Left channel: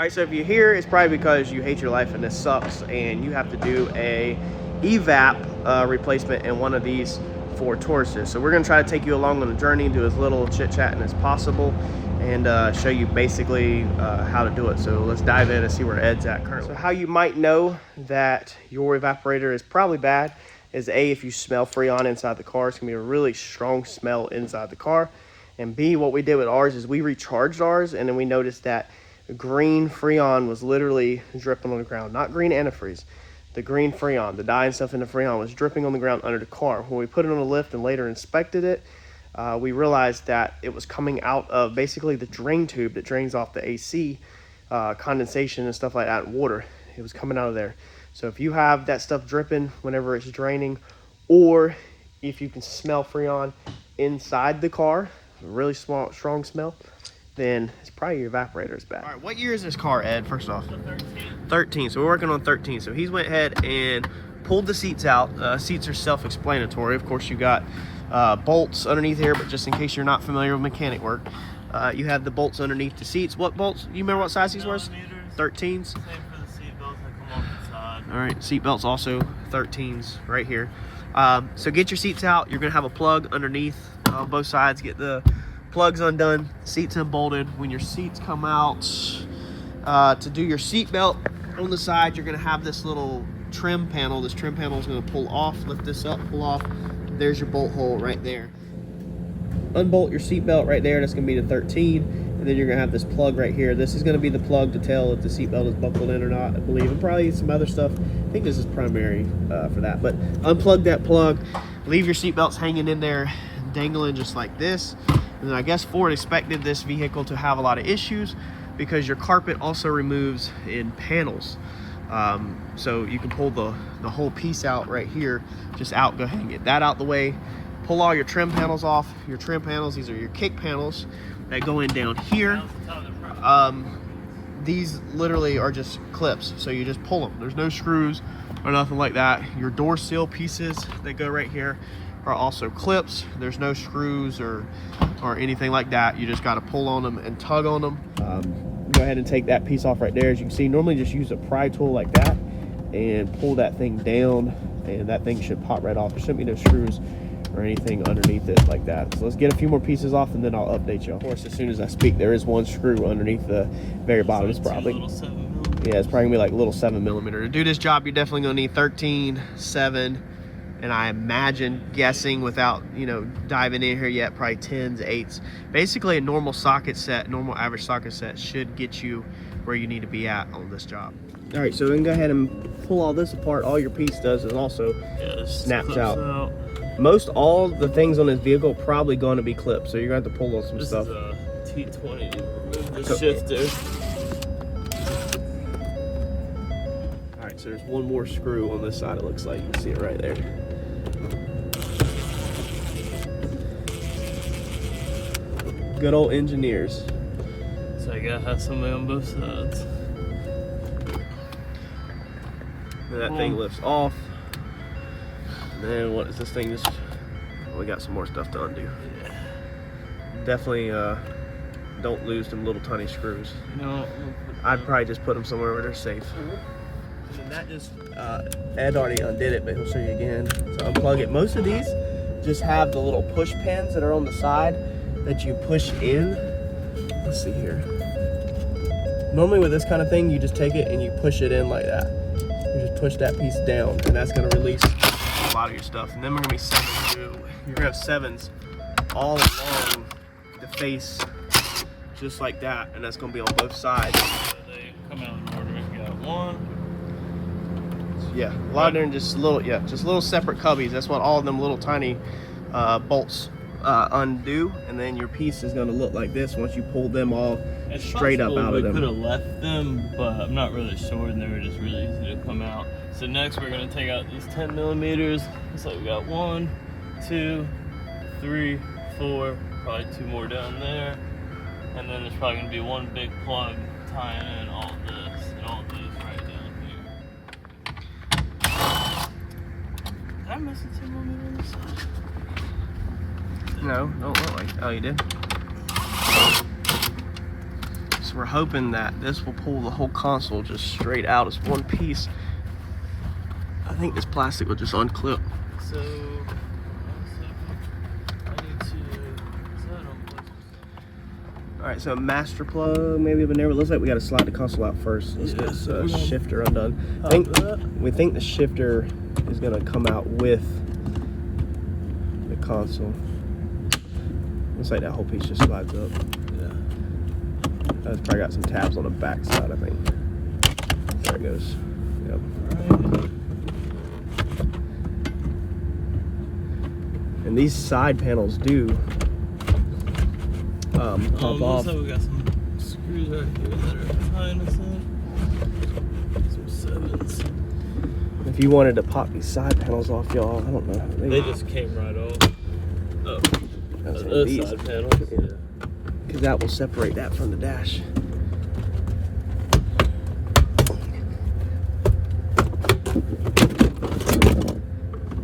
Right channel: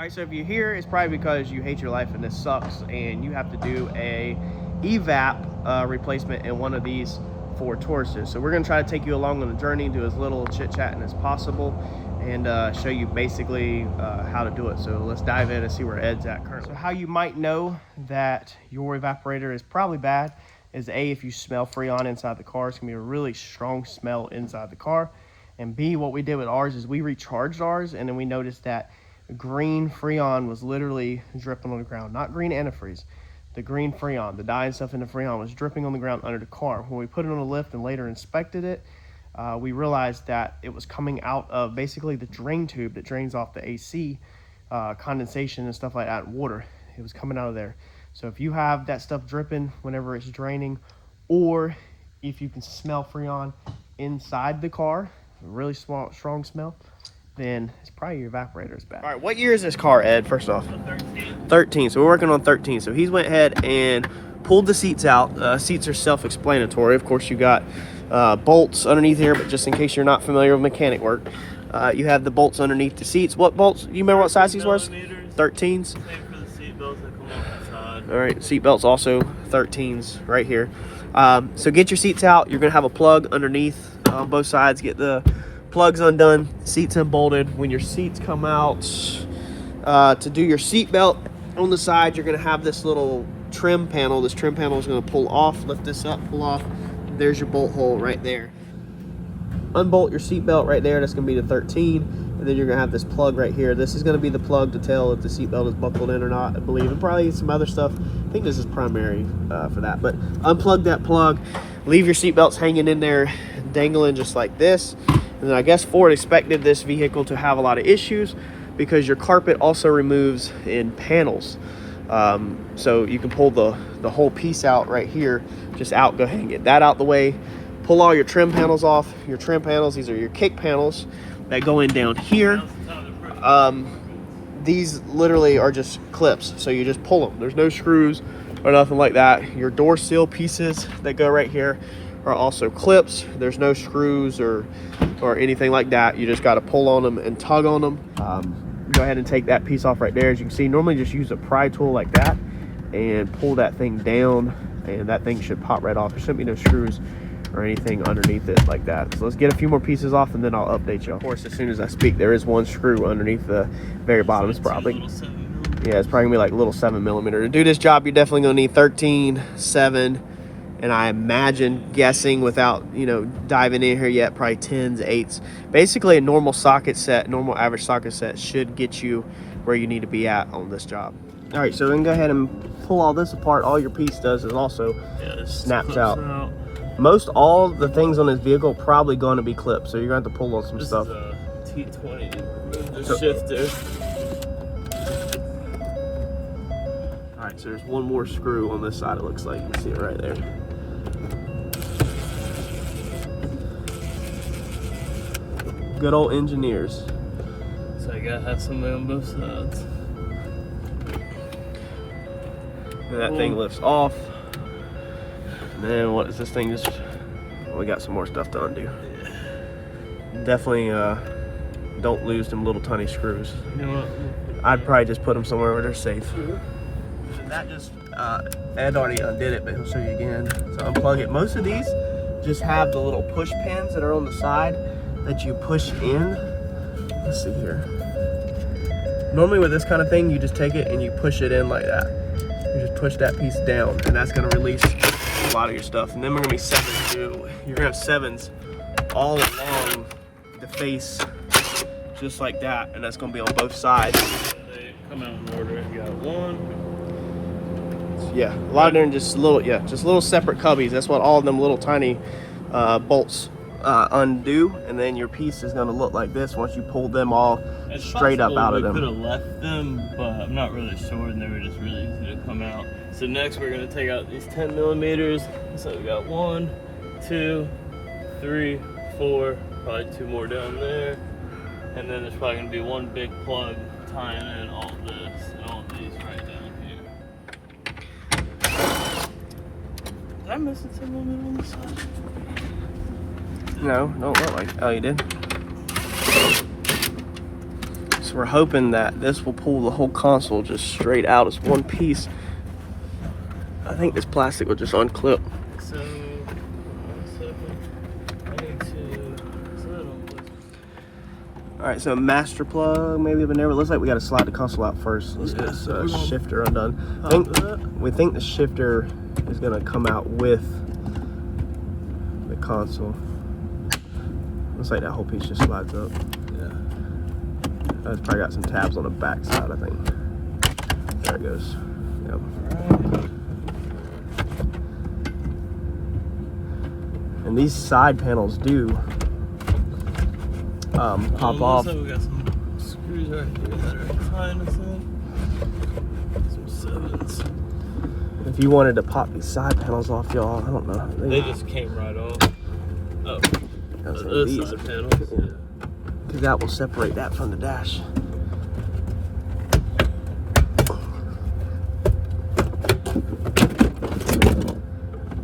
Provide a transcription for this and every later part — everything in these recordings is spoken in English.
Alright, so if you're here, it's probably because you hate your life and this sucks and you have to do a evap replacement in one of these Ford Tauruses. So we're going to try to take you along on the journey, do as little chit-chatting as possible, and show you basically how to do it. So let's dive in and see where Ed's at currently. So how you might know that your evaporator is probably bad is A, if you smell Freon inside the car. It's going to be a really strong smell inside the car. And B, what we did with ours is we recharged ours, and then we noticed that green Freon was literally dripping on the ground. Not green antifreeze. The green Freon, the dye and stuff in the Freon was dripping on the ground under the car. When we put it on the lift and later inspected it, we realized that it was coming out of basically the drain tube that drains off the AC, condensation and stuff like that, water. It was coming out of there. So if you have that stuff dripping whenever it's draining, or if you can smell Freon inside the car, a really strong smell, then it's probably your evaporator is bad. All right, what year is this car, Ed, first off? 13, so we're working on 13. So he's went ahead and pulled the seats out. Seats are self-explanatory. Of course, you got bolts underneath here, but just in case you're not familiar with mechanic work, you have the bolts underneath the seats. What bolts? You remember what size these was? 13s? All right, seat belts also 13s right here. So get your seats out. You're gonna have a plug underneath on both sides. Get the plugs undone, seats unbolted. When your seats come out to do your seat belt on the side, you're gonna have this little trim panel. This trim panel is gonna pull off, lift this up, pull off. There's your bolt hole right there. Unbolt your seat belt right there. That's gonna be the 13, and then you're gonna have this plug right here. This is gonna be the plug to tell if the seat belt is buckled in or not, I believe, and probably some other stuff. I think this is primary for that, but unplug that plug, leave your seat belts hanging in there, dangling just like this. And then I guess Ford expected this vehicle to have a lot of issues because your carpet also removes in panels. So you can pull the whole piece out right here, just out, go ahead and get that out the way. Pull all your trim panels off. Your trim panels, these are your kick panels that go in down here. These literally are just clips, so you just pull them. There's no screws or nothing like that. Your door seal pieces that go right here are also clips. There's no screws or anything like that. You just got to pull on them and tug on them. Go ahead and take that piece off right there. As you can see, normally just use a pry tool like that and pull that thing down, and that thing should pop right off. There shouldn't be no screws or anything underneath it like that. So let's get a few more pieces off and then I'll update you. Of course, as soon as I speak, there is one screw underneath the very bottom. It's probably, yeah, it's probably gonna be like a little 7mm. To do this job, you're definitely gonna need 13, 7, and I imagine, guessing without, you know, diving in here yet, probably 10s, 8s. Basically a normal socket set, normal average socket set should get you where you need to be at on this job. All right, so then go ahead and pull all this apart. All your piece does is also snaps out. Most all the things on this vehicle probably going to be clipped, so you're going to have to pull on some stuff. This is a T20, remove the shifter. All right, so there's one more screw on this side, it looks like. You can see it right there. Good old engineers. So I gotta have somebody on both sides. And that thing lifts off. And then what is this thing? Just, we got some more stuff to undo. Yeah. Definitely don't lose them little tiny screws. No. I'd probably just put them somewhere where they're safe. So that just, Ed already undid it, but he'll show you again. So unplug it. Most of these just have the little push pins that are on the side that you push in. Let's see here. Normally with this kind of thing, you just take it and you push it in like that. You just push that piece down, and that's gonna release a lot of your stuff. And then we're gonna be 7s too. You're gonna have 7s all along the face, just like that, and that's gonna be on both sides. They come out in order. You got one. So yeah, a lot of them just little, yeah, just little separate cubbies. That's what all of them little tiny bolts undo, and then your piece is gonna look like this once you pull them all straight up out of them. We could have left them, but I'm not really sure, and they were just really easy to come out. So next we're gonna take out these 10mm. So we got 1, 2, 3, 4, probably 2 more down there, and then there's probably gonna be one big plug tying in all this and all these right down here. Did I miss a 10mm on the side? No, don't look like. Oh, you did. So we're hoping that this will pull the whole console just straight out as one piece. I think this plastic will just unclip. So, I need to. All right, so master plug, maybe of an air. Looks like we got to slide the console out first. Let's get this shifter undone. We think the shifter is gonna come out with the console. Looks like that whole piece just slides up. Yeah. It's probably got some tabs on the back side, I think. There it goes. Yep. Right. And these side panels do pop off. So we got some screws right here that are tying us in. Some sevens. If you wanted to pop these side panels off, y'all, I don't know. They just came right off. Oh, That's those these. side panels. Yeah. Because that will separate that from the dash.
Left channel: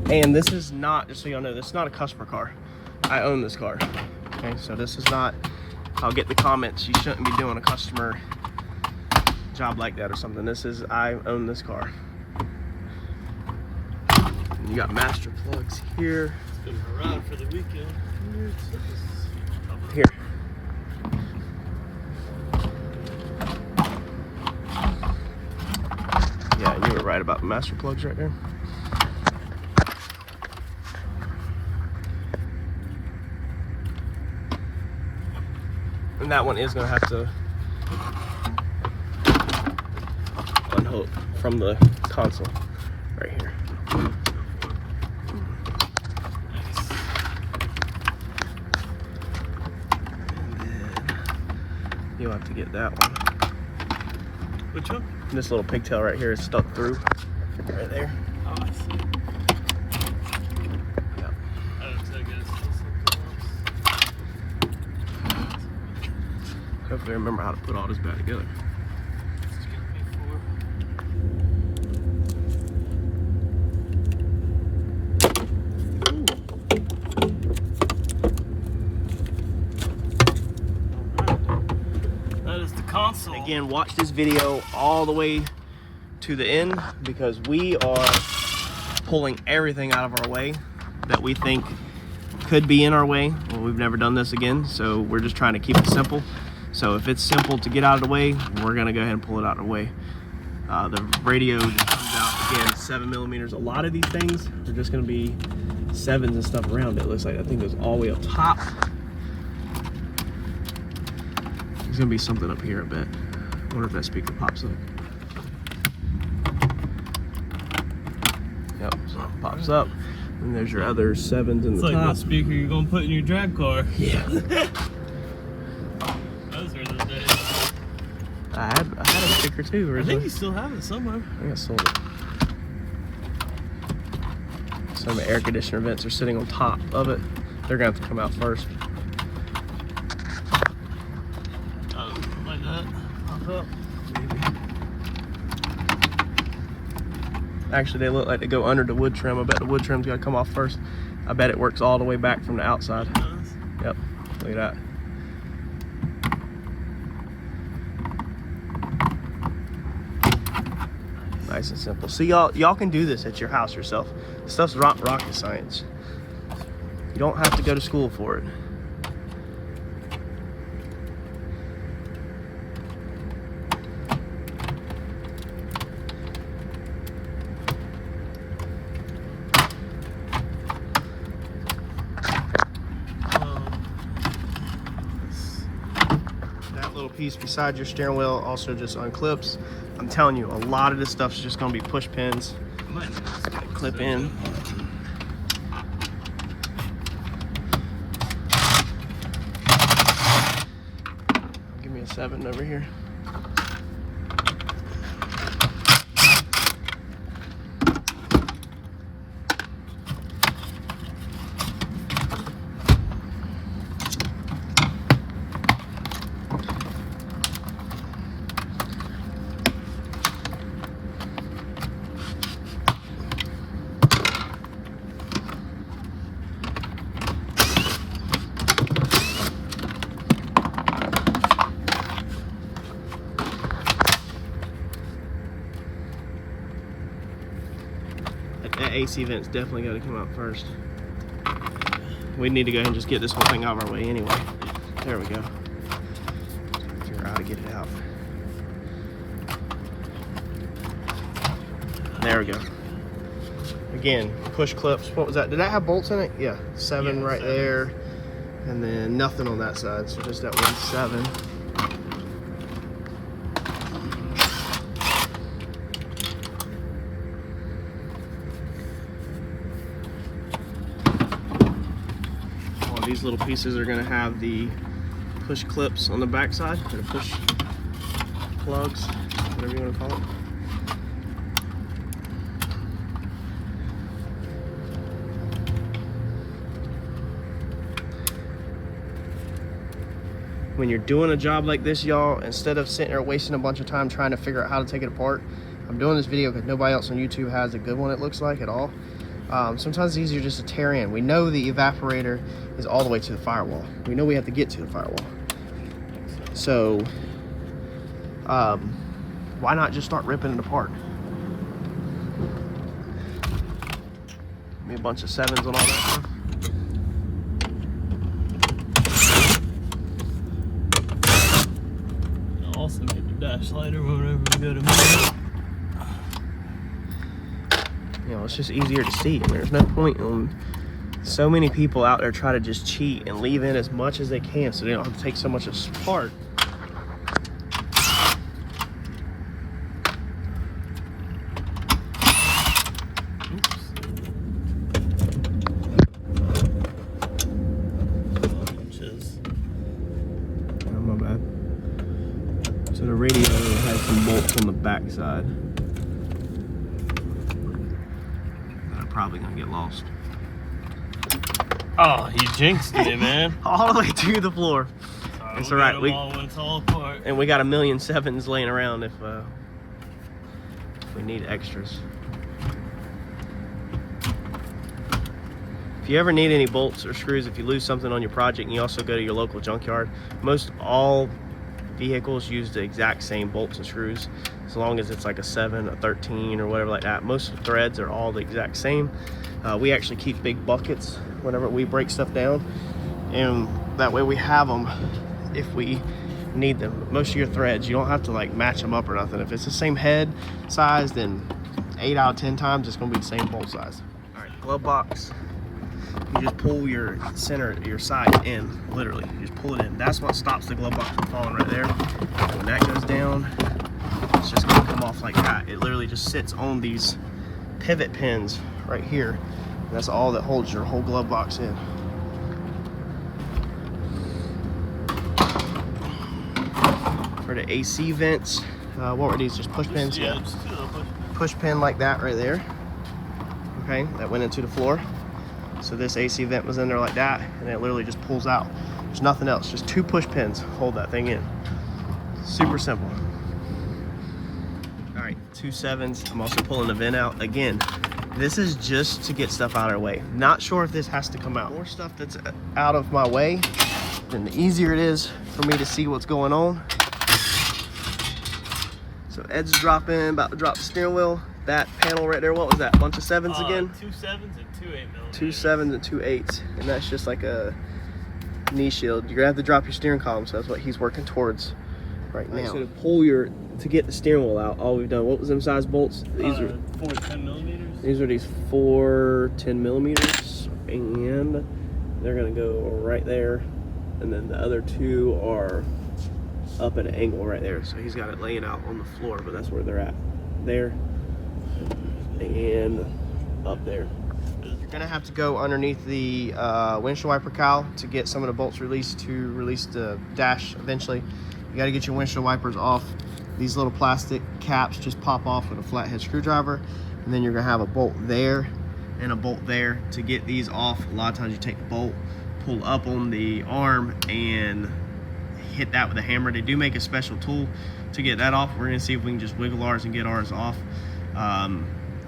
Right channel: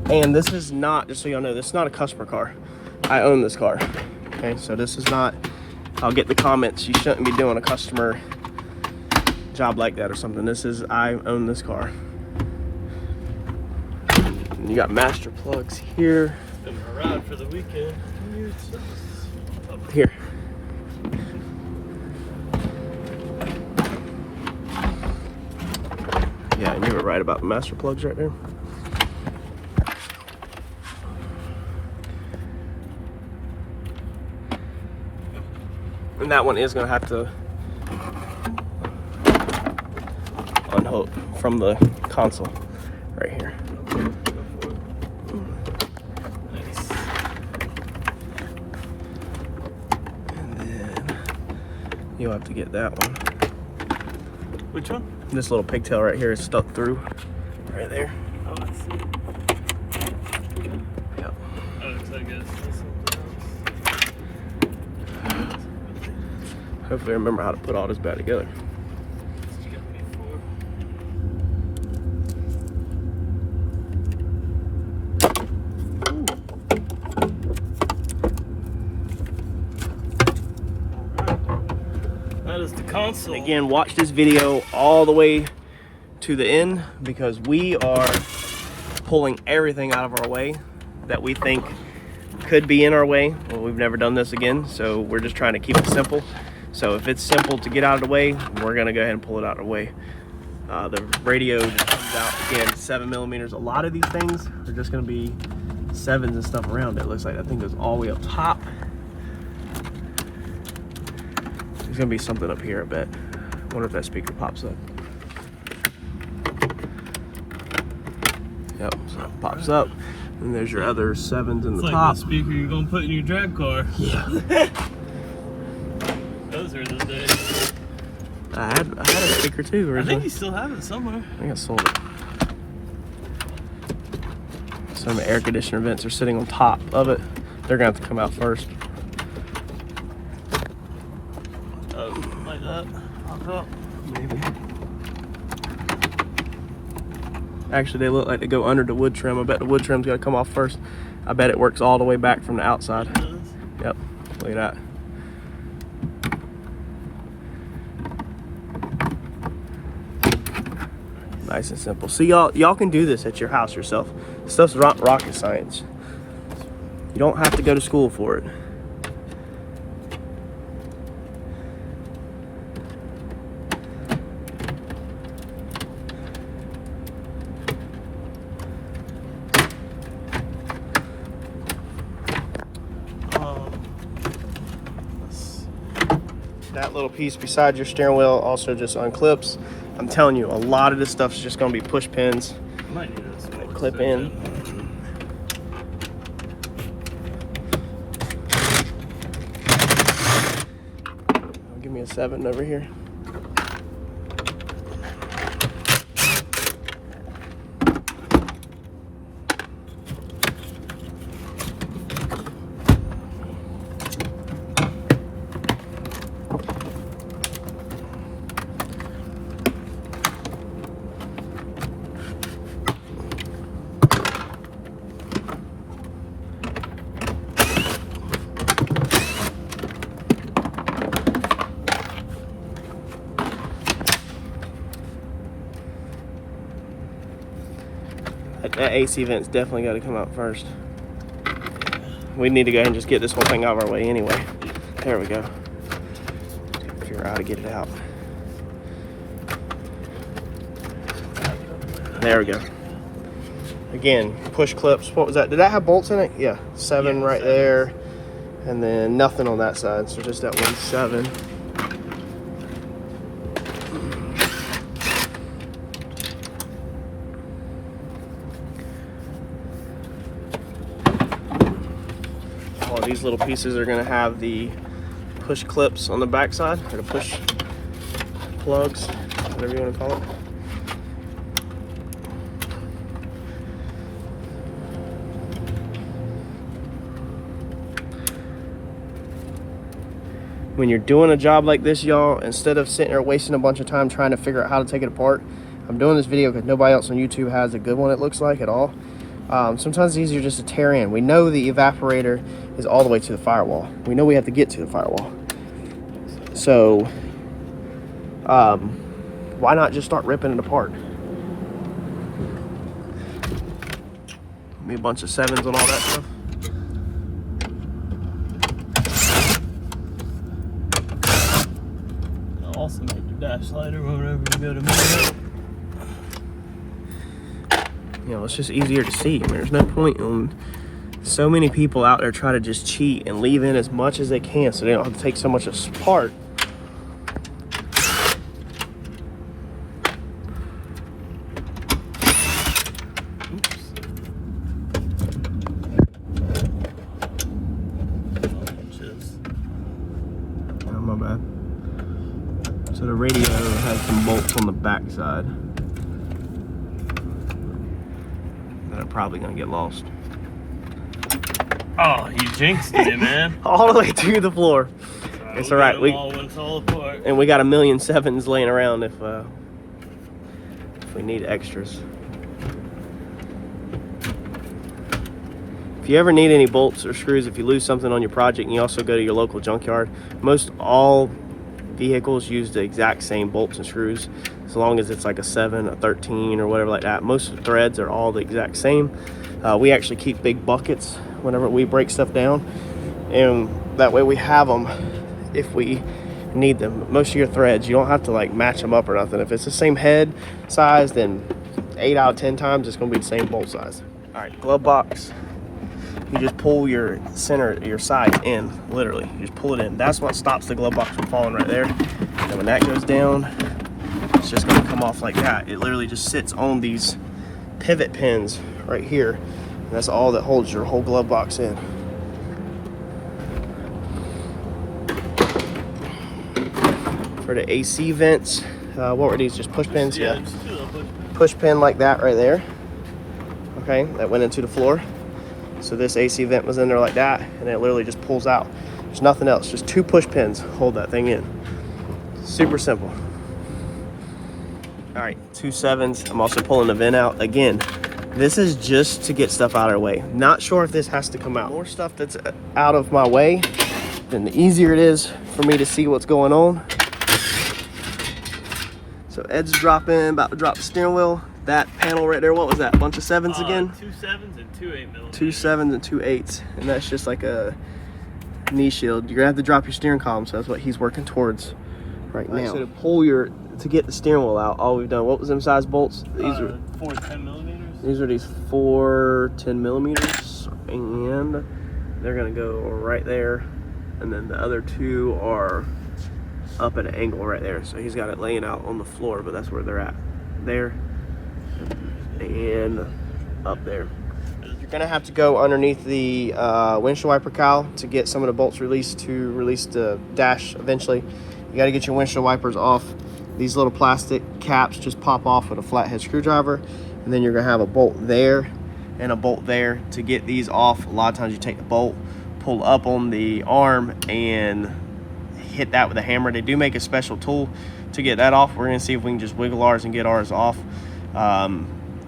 And this is not, just so y'all know, this is not a customer car. I own this car. Okay, so this is not, I'll get the comments, you shouldn't be doing a customer job like that or something. This is, I own this car. And you got master plugs here. Been my ride for the weekend. Up here. Yeah, and you were right about the master plugs right there. And that one is going to have to unhook from the console right here. Nice. You'll have to get that one. Which one? This little pigtail right here is stuck through. Right there. Oh, I see. Yep. Oh, so I guess this one. Hopefully I remember how to put all this back together. It's got me four. Alright. That is the console. Again, watch this video all the way to the end because we are pulling everything out of our way that we think could be in our way. Well, we've never done this again, so we're just trying to keep it simple. So if it's simple to get out of the way, we're gonna go ahead and pull it out of the way. The radio just comes out, again, 7mm. A lot of these things are just gonna be 7s and stuff around it. It looks like that thing goes all the way up top. There's gonna be something up here, I bet. Wonder if that speaker pops up. Yep, so it pops up. And there's your other 7s in It's the like top. the speaker you're gonna put in your drag car. Yeah. Those are the days. I had a speaker too I originally. think you still have it somewhere. I think I sold it. Some air conditioner vents are sitting on top of it. They're gonna have to come out first. Oh, like that. Lock up. Actually, they look like they go under the wood trim. I bet the wood trim's gotta come off first. I bet it works all the way back from the outside. It does. Yep, look at that. Nice and simple. So y'all can do this at your house yourself. This stuff's not rocket science. You don't have to go to school for it. That little piece beside your steering wheel also just unclips. I'm telling you, a lot of this stuff is just gonna be push pins. Might need this They clip in. Give me a 7 over here. That AC vent's definitely got to come out first. We need to go ahead and just get this whole thing out of our way anyway. There we go. Figure out how to get it out. There we go. Again, push clips. What was that? Did that have bolts in it? Yeah, 7 right there. And then nothing on that side, so just that 1 7. All these little pieces are going to have the push clips on the back side, or the push plugs, whatever you want to call it. When you're doing a job like this, y'all, instead of sitting there wasting a bunch of time trying to figure out how to take it apart, I'm doing this video because nobody else on YouTube has a good one, it looks like, at all. Sometimes it's easier just to tear in. We know the evaporator is all the way to the firewall. We know we have to get to the firewall. So, why not just start ripping it apart? Give me a bunch of 7s and all that stuff. Also make your dash lighter whenever you go to move it. You know, it's just easier to see. I mean, there's no point in so many people out there try to just cheat and leave in as much as they can so they don't have to take so much apart. Oh, my bad. So the radio has some bolts on the back side. They're probably gonna get lost. Oh, you jinxed it, man. All the way to the floor. It's all right. And we got 1,000,000 7s laying around if we need extras. If you ever need any bolts or screws, if you lose something on your project, and you also go to your local junkyard, most all vehicles use the exact same bolts and screws, as long as it's like a 7, a 13, or whatever like that. Most threads are all the exact same. We actually keep big buckets whenever we break stuff down, and that way we have them if we need them. Most of your threads, you don't have to like match them up or nothing. If it's the same head size, then 8 out of 10 times it's going to be the same bolt size. All right, glove box. You just pull your center, your side in, literally. You just pull it in. That's what stops the glove box from falling right there. And when that goes down, it's just gonna come off like that. It literally just sits on these pivot pins right here. And that's all that holds your whole glove box in. For the AC vents, what were these? Just push pins? Yeah, just push pin like that right there. Okay, that went into the floor. So this AC vent was in there like that, and it literally just pulls out. There's nothing else, just 2 push pins hold that thing in. Super simple. All right, 2 7s. I'm also pulling the vent out. Again, this is just to get stuff out of our way. Not sure if this has to come out. More stuff that's out of my way, then the easier it is for me to see what's going on. So Ed's dropping, about to drop the steering wheel. That panel right there, what was that? A bunch of 7s again? 2 7s and 2 8mm. 2 7s and 2 8s. And that's just like a knee shield. You're gonna have to drop your steering column, so that's what he's working towards right now. So to get the steering wheel out, all we've done, what was them size bolts? These are 4 10mm. These are these 4 10mm, and they're gonna go right there. And then the other 2 are up at an angle right there. So he's got it laying out on the floor, but that's where they're at. There. And up there. You're gonna have to go underneath the windshield wiper cowl to get some of the bolts released to release the dash eventually. You gotta get your windshield wipers off. These little plastic caps just pop off with a flathead screwdriver, and then you're gonna have a bolt there and a bolt there. To get these off, a lot of times you take the bolt, pull up on the arm, and hit that with a hammer. They do make a special tool to get that off. We're gonna see if we can just wiggle ours and get ours off.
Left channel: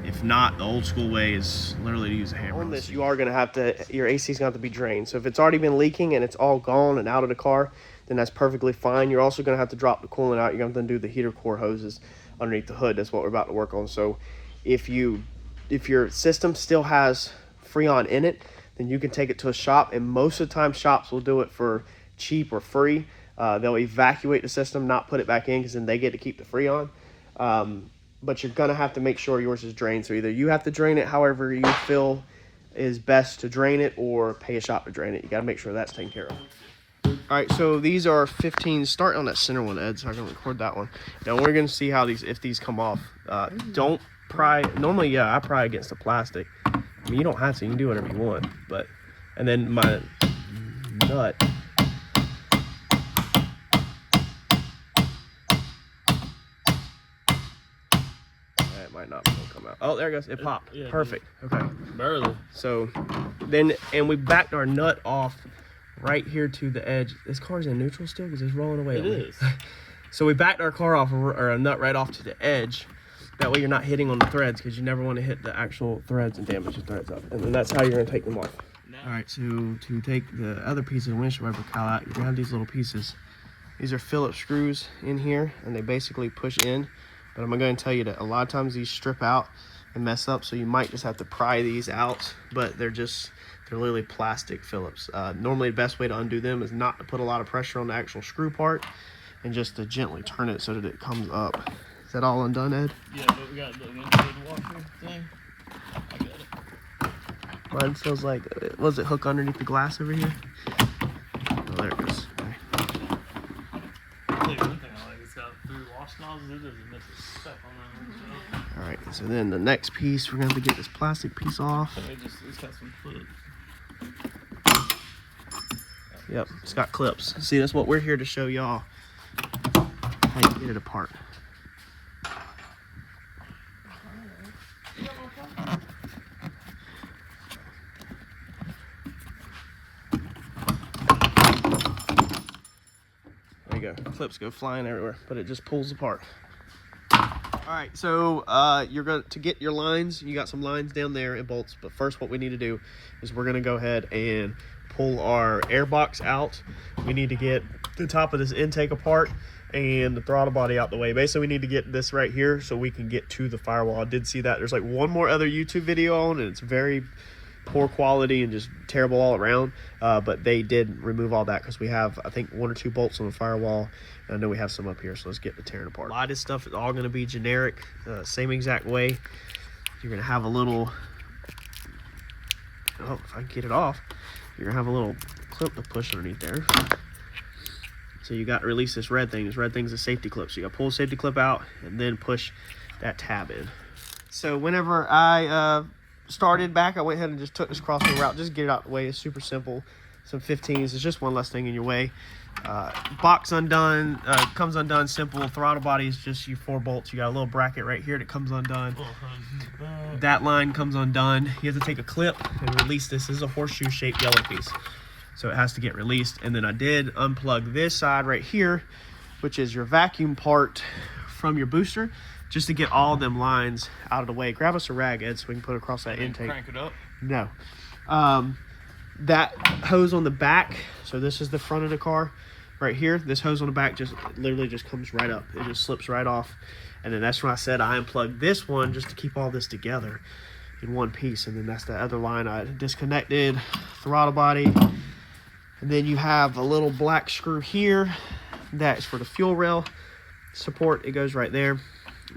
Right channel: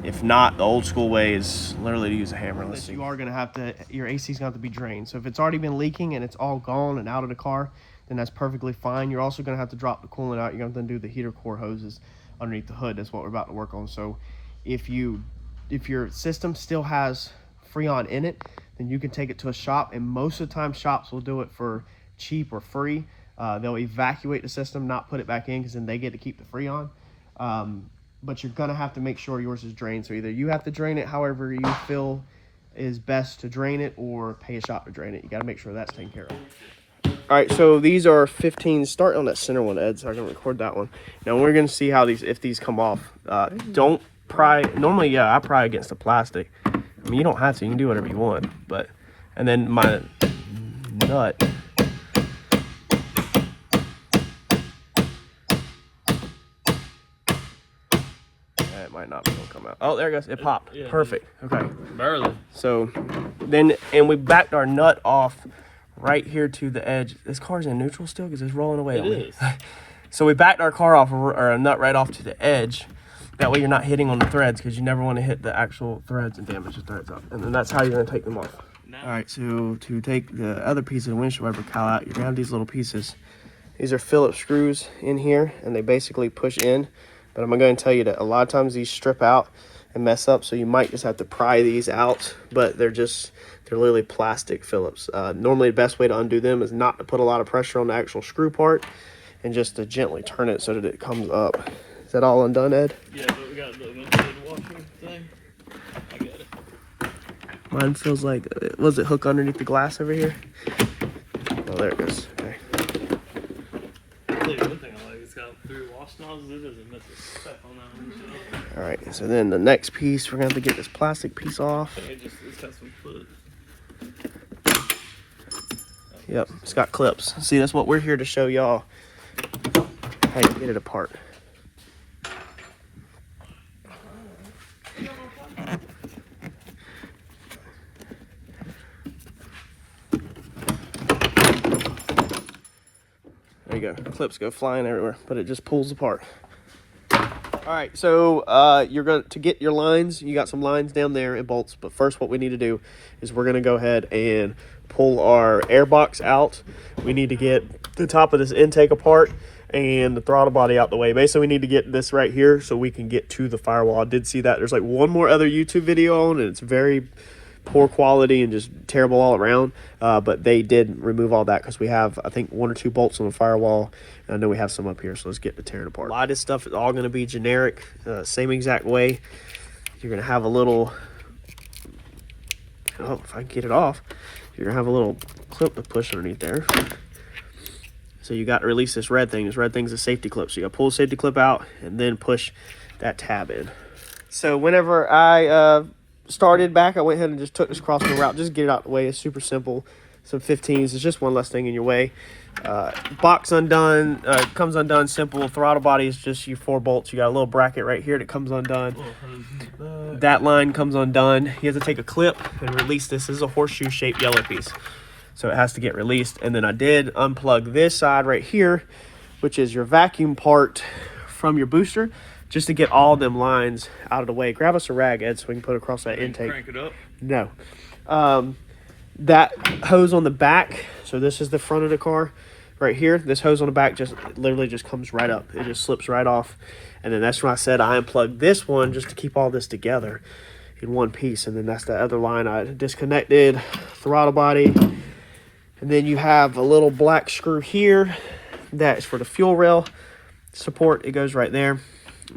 If not, the old school way is literally to use a hammer. You are gonna have to, your AC is gonna have to be drained. So if it's already been leaking and it's all gone and out of the car, then that's perfectly fine. You're also gonna have to drop the coolant out. You're gonna have to do the heater core hoses underneath the hood. That's what we're about to work on. So if you if your system still has Freon in it, then you can take it to a shop, and most of the time shops will do it for cheap or free. They'll evacuate the system, not put it back in, because then they get to keep the Freon. But you're gonna have to make sure yours is drained. So either you have to drain it however you feel is best to drain it, or pay a shop to drain it. You gotta make sure that's taken care of. All right, so these are 15. Start on that center one, Ed, so I can record that one. Now we're gonna see how if these come off. Don't pry. Normally, yeah, I pry against the plastic. I mean, you don't have to. You can do whatever you want. But and then my nut. It might not be gonna come out. Oh, there it goes. It popped. Yeah, perfect. Okay. Barely. So then, and we backed our nut off right here to the edge. This car's in neutral still because it's rolling away. It is. So we backed our car off, or a nut right off to the edge. That way you're not hitting on the threads, because you never want to hit the actual threads and damage the threads up. And then that's how you're going to take them off. All right, so to take the other piece of the windshield wiper cowl out, you're going to have these little pieces. These are Phillips screws in here, and they basically push in. But I'm going to tell you that a lot of times these strip out and mess up, so you might just have to pry these out. But they're literally plastic Phillips. Normally the best way to undo them is not to put a lot of pressure on the actual screw part, and just to gently turn it so that it comes up. Is that all undone, Ed? Yeah, but we got the windshield washer thing. I got it. Mine feels like, was it hook underneath the glass over here? Oh, there it goes. Okay. I'll tell you one thing I like, it's got 3 wash nozzles. It doesn't mess with stuff on that. All right, so then the next piece, we're gonna have to get this plastic piece off. It's got some clips. Yep, it's got clips. See, that's what we're here to show y'all, how you get it apart. There you go. Clips go flying everywhere, but it just pulls apart. All right, so you're going to get your lines. You got some lines down there and bolts, but first what we need to do is we're going to go ahead and pull our air box out. We need to get the top of this intake apart and the throttle body out the way. Basically, we need to get this right here so we can get to the firewall. I did see that there's like one more other YouTube video on, and it's very poor quality and just terrible all around, but they did remove all that because we have, I think, 1 or 2 bolts on the firewall, and I know we have some up here, so let's get to tearing apart. A lot of this stuff is all going to be generic, same exact way. You're going to have a little, oh, if I can get it off, you're going to have a little clip to push underneath there. So you got to release this red thing. This red thing's a safety clip, so you got to pull the safety clip out and then push that tab in. So whenever I started back, I went ahead and just took this crossbar route, just get it out of the way. It's super simple. Some 15s, it's just one less thing in your way. Box undone, comes undone simple. Throttle body is just your 4 bolts. You got a little bracket right here that comes undone. That line comes undone. You have to take a clip and release this. This is a horseshoe shaped yellow piece, so it has to get released. And then I did unplug this side right here, which is your vacuum part from your booster, just to get all them lines out of the way. Grab us a rag, Ed, so we can put it across that intake. Crank it up? No. That hose on the back, so this is the front of the car right here. This hose on the back just literally just comes right up. It just slips right off. And then that's when I said I unplugged this one just to keep all this together in one piece. And then that's the other line I disconnected, throttle body. And then you have a little black screw here. That is for the fuel rail support. It goes right there.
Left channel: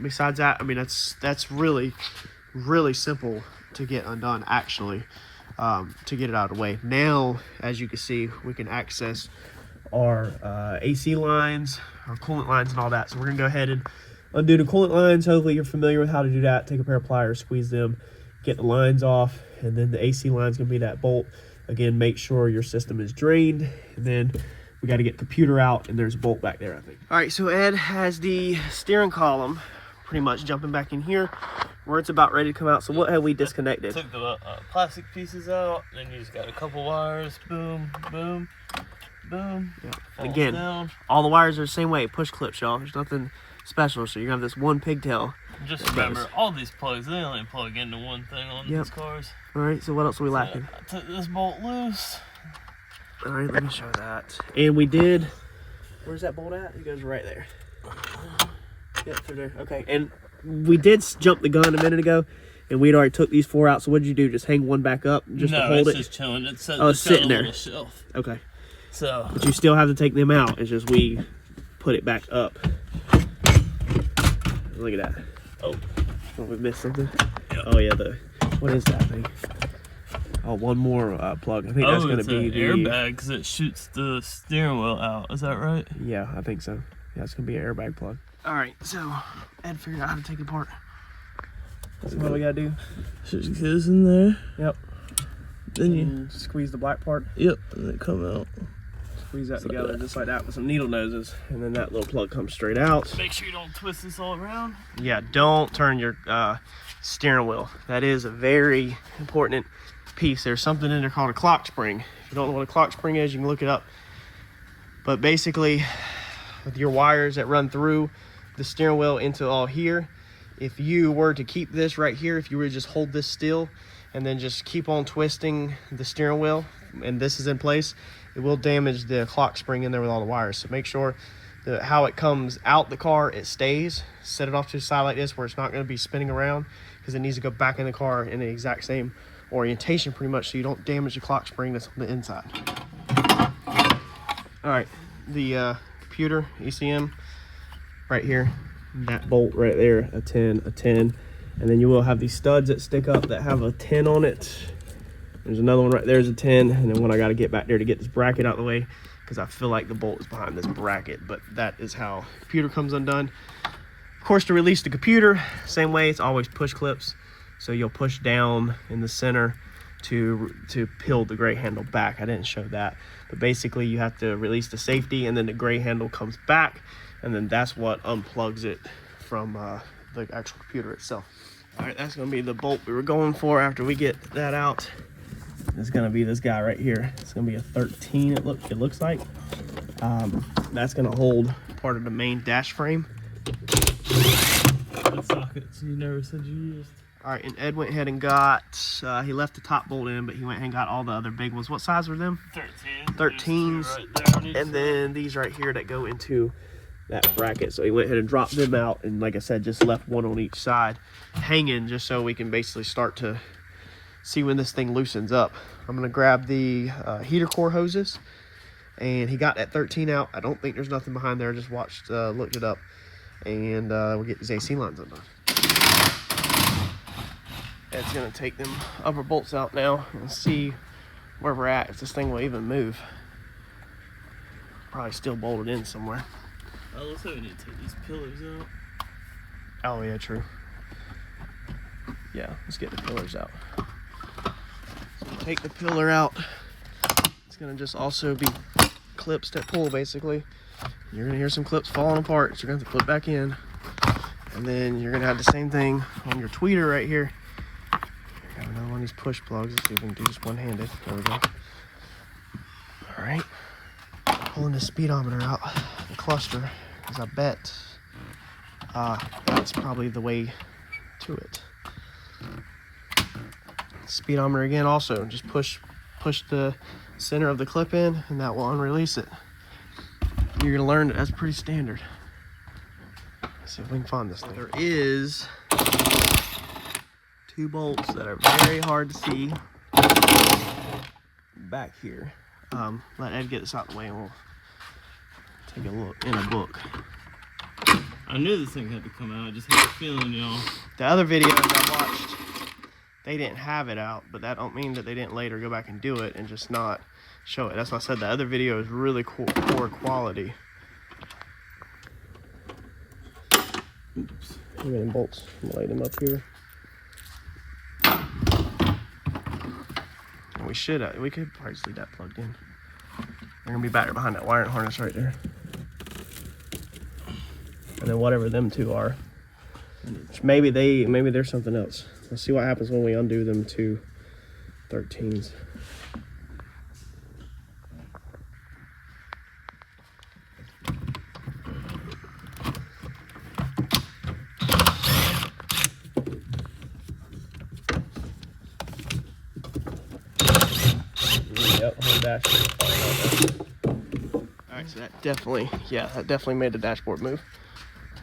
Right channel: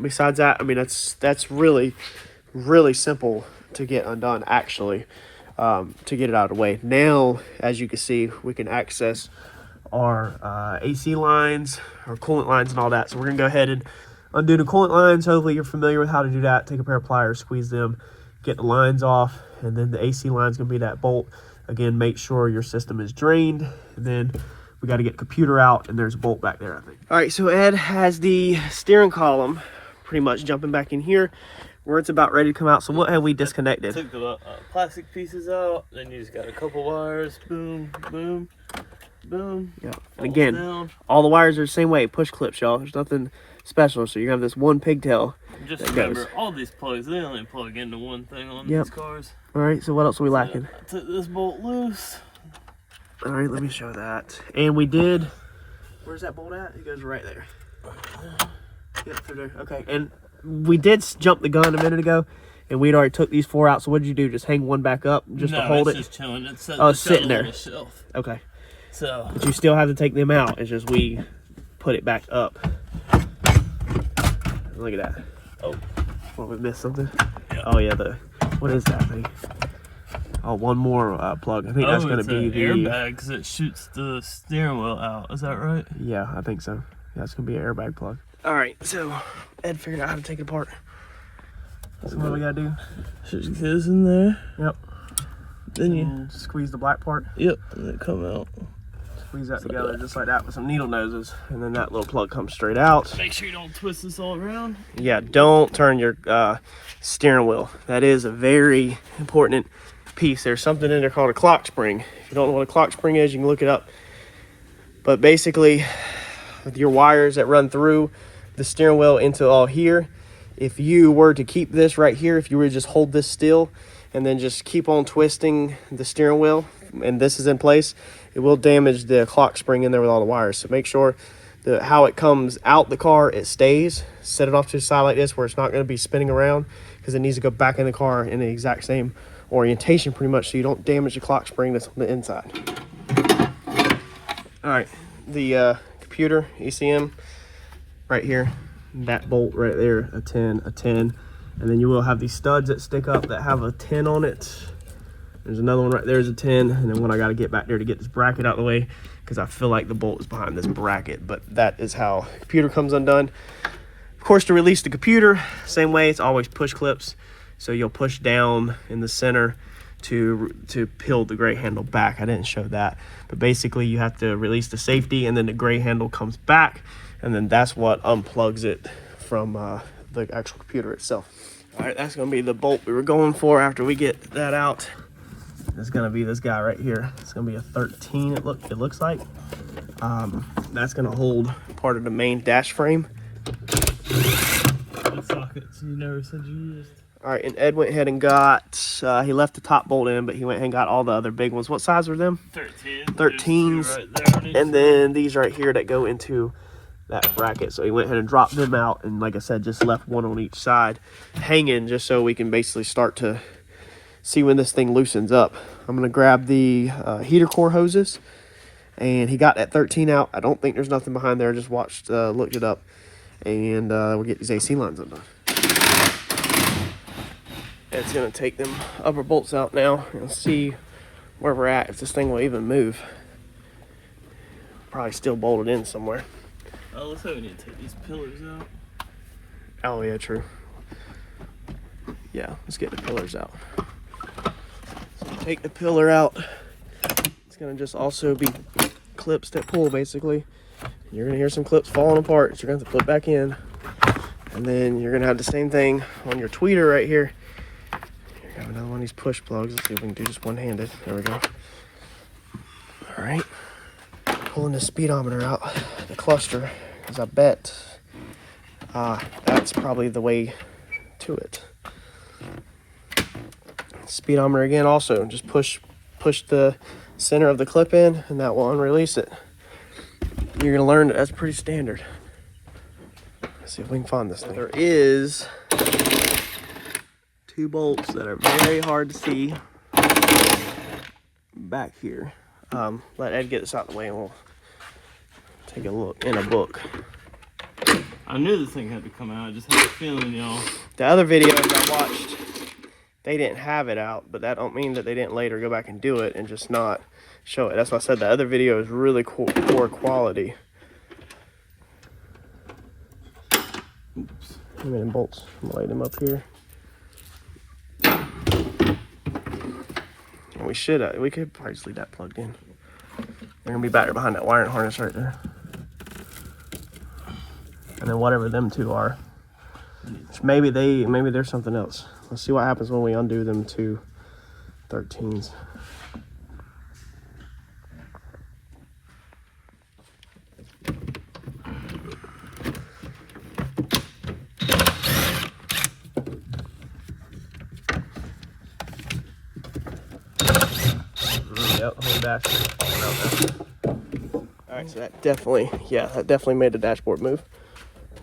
Besides that, I mean, that's really, really simple to get undone, actually, to get it out of the way. Now, as you can see, we can access our AC lines, our coolant lines, and all that. So we're going to go ahead and undo the coolant lines. Hopefully you're familiar with how to do that. Take a pair of pliers, squeeze them, get the lines off, and then the AC line is going to be that bolt. Again, make sure your system is drained, and then we got to get the computer out, and there's a bolt back there, I think. All right, so Ed has the steering column pretty much jumping back in here where it's about ready to come out. So what have we disconnected? Took the plastic pieces out, then you just got a couple wires, boom, boom, boom. Yeah. And again, all the wires are the same way, push clips, y'all. There's nothing special. So you're gonna have this one pigtail. Just remember, all these plugs, they only plug into one thing on these cars. All right, so what else are we lacking? Took this bolt loose. All right, let me show that. And we did, where's that bolt at? It goes right there. Yep, through there. Okay, and we did jump the gun a minute ago and we'd already took these 4 out. So what did you do? Just hang one back up just to hold it? No, it's just chilling. It's sitting there. on the shelf. Okay. So. But you still have to take them out. It's just we put it back up. Look at that. Oh. Well, we missed something. Yep. Oh yeah, what is that thing? Oh, one more plug. I think that's gonna be the airbag because it shoots the steering wheel out. Is that right? Yeah, I think so. Yeah, it's gonna be an airbag plug. All right, so Ed figured out how to take it apart. So what we gotta do? Just goes in there. Yep. Then you squeeze the black part. Yep, and it come out. Squeeze that together just like that with some needle noses, and then that little plug comes straight out. Make sure you don't twist this all around. Yeah, don't turn your steering wheel. That is a very important piece. There's something in there called a clock spring. If you don't know what a clock spring is, you can look it up. But basically, with your wires that run through the steering wheel into all here, if you were to keep this right here, if you were to just hold this still and then just keep on twisting the steering wheel and this is in place, it will damage the clock spring in there with all the wires. So make sure that how it comes out the car, it stays. Set it off to the side like this where it's not going to be spinning around, because it needs to go back in the car in the exact same orientation pretty much, so you don't damage the clock spring that's on the inside. All right, the computer ECM right here, that bolt right there, a 10, and then you will have these studs that stick up that have a 10 on it. There's another one right there's a 10, and then one I got to get back there to get this bracket out of the way, because I feel like the bolt is behind this bracket. But that is how the computer comes undone. Of course, to release the computer, same way, it's always push clips. So you'll push down in the center to peel the gray handle back. I didn't show that, but basically you have to release the safety, and then the gray handle comes back, and then that's what unplugs it from the actual computer itself. All right, that's gonna be the bolt we were going for after we get that out. It's gonna be this guy right here. It's gonna be a 13, it looks like. That's gonna hold part of the main dash frame. What sockets you never said you used? All right, and Ed went ahead and got, he left the top bolt in, but he went ahead and got all the other big ones. What size were them? 13s. Right, and then these right here that go into that bracket. So he went ahead and dropped them out, and like I said, just left one on each side hanging, just so we can basically start to see when this thing loosens up. I'm gonna grab the heater core hoses, and he got that 13 out. I don't think there's nothing behind there. I just looked it up, and we'll get these AC lines undone. It's gonna take them upper bolts out now and see where we're at, if this thing will even move. Probably still bolted in somewhere. Oh, let's hope we need to take these pillars out. Oh yeah, true. Yeah, let's get the pillars out. So take the pillar out. It's gonna just also be clips that pull, basically. You're gonna hear some clips falling apart, so you're gonna have to put back in. And then you're gonna have the same thing on your tweeter right here. Got another one of these push plugs. Let's see if we can do just one-handed. There we go. All right. Pulling the speedometer out, the cluster, because I bet that's probably the way to it. Speedometer again also, just push the center of the clip in, and that will unrelease it. You're gonna learn that that's pretty standard. Let's see if we can find this thing. There is 2 bolts that are very hard to see back here. Let Ed get this out of the way and we'll take a look in a book. I knew this thing had to come out. I just had a feeling, y'all. The other videos I watched, they didn't have it out, but that don't mean that they didn't later go back and do it and just not show it. That's why I said the other video is really poor quality. Oops. Look at them bolts. I'm gonna lay them up here. We could probably just leave that plugged in. They're gonna be back there behind that wiring harness right there. And then whatever them 2 are, maybe there's something else. Let's see what happens when we undo them 2 13s. Alright, so that definitely made the dashboard move.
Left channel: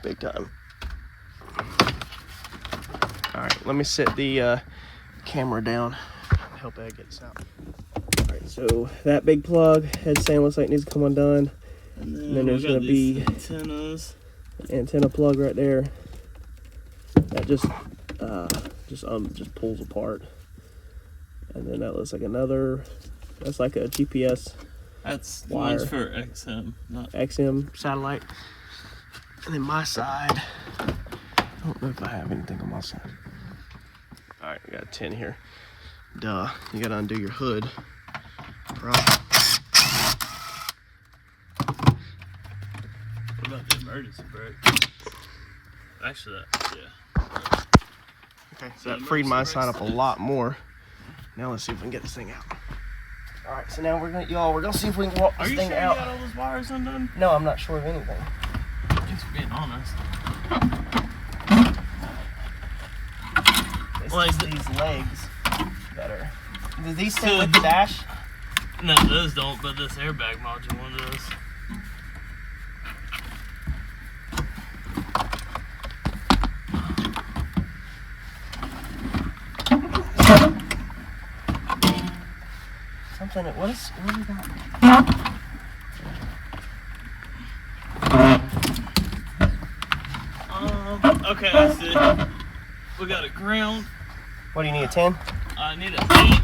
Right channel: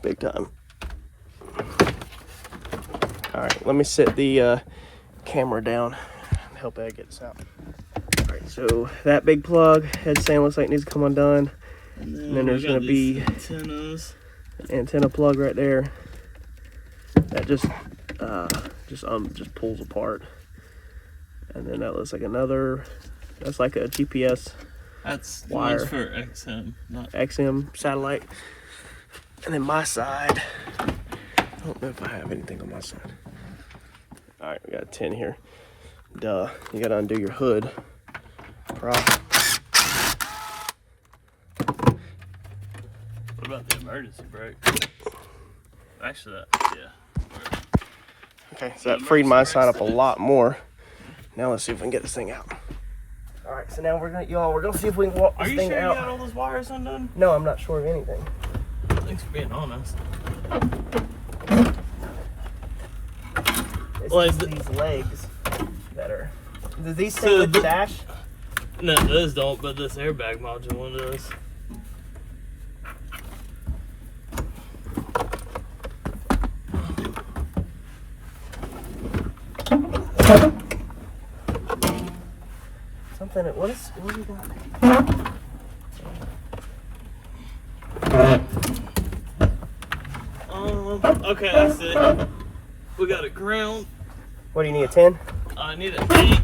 Big time. All right, let me sit the camera down and help Ed get this out. All right, so that big plug, head stand looks like it needs to come undone. And then there's gonna be antennas. An antenna plug right there. That just pulls apart. And then that looks like another, that's like a GPS That's wire. one's for XM, not XM satellite. And then my side, I don't know if I have anything on my side. All right, we got a 10 here. Duh, you gotta undo your hood prop. What about the emergency brake? Actually, yeah. Okay, so that freed my side up a lot more. Now let's see if we can get this thing out. All right, so now we're gonna see if we can walk this thing out. Are you sure you got all those wires undone? No, I'm not sure of anything. Thanks for being honest. It's Well, just these legs that are. Do these sit with the dash? No, those don't, but this airbag module one does. Something. What is that? Okay, that's it. We got a ground. What do you need? A 10? I need an 8.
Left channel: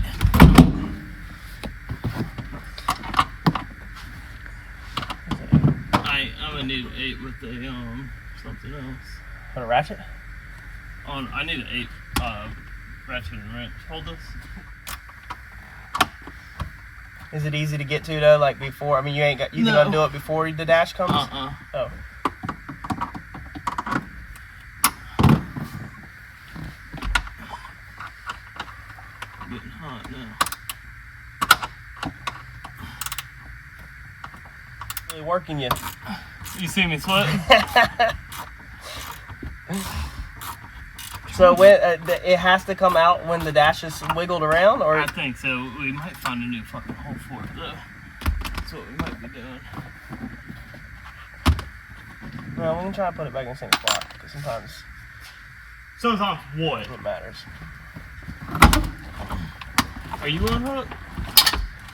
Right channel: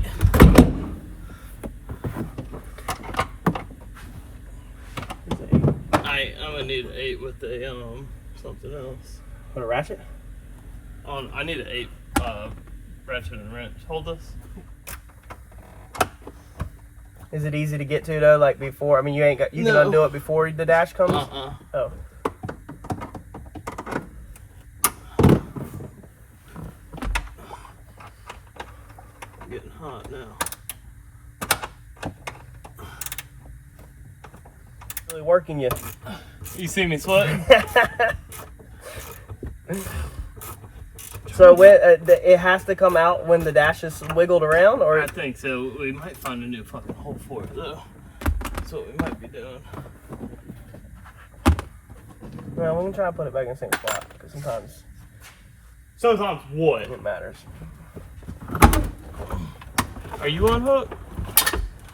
I'm gonna need an 8 with the something else. Want a ratchet? I need an 8 ratchet and wrench. Hold this. Is it easy to get to though? Like before? I mean, you can undo it before the dash comes. Oh. Getting hot now. Really working you. You see me sweating? So when it has to come out when the dash is wiggled around, or I think so. We might find a new fucking hole for it though. That's what we might be doing. well, we can try to put it back in the same spot because sometimes what? it matters. Are you on hook?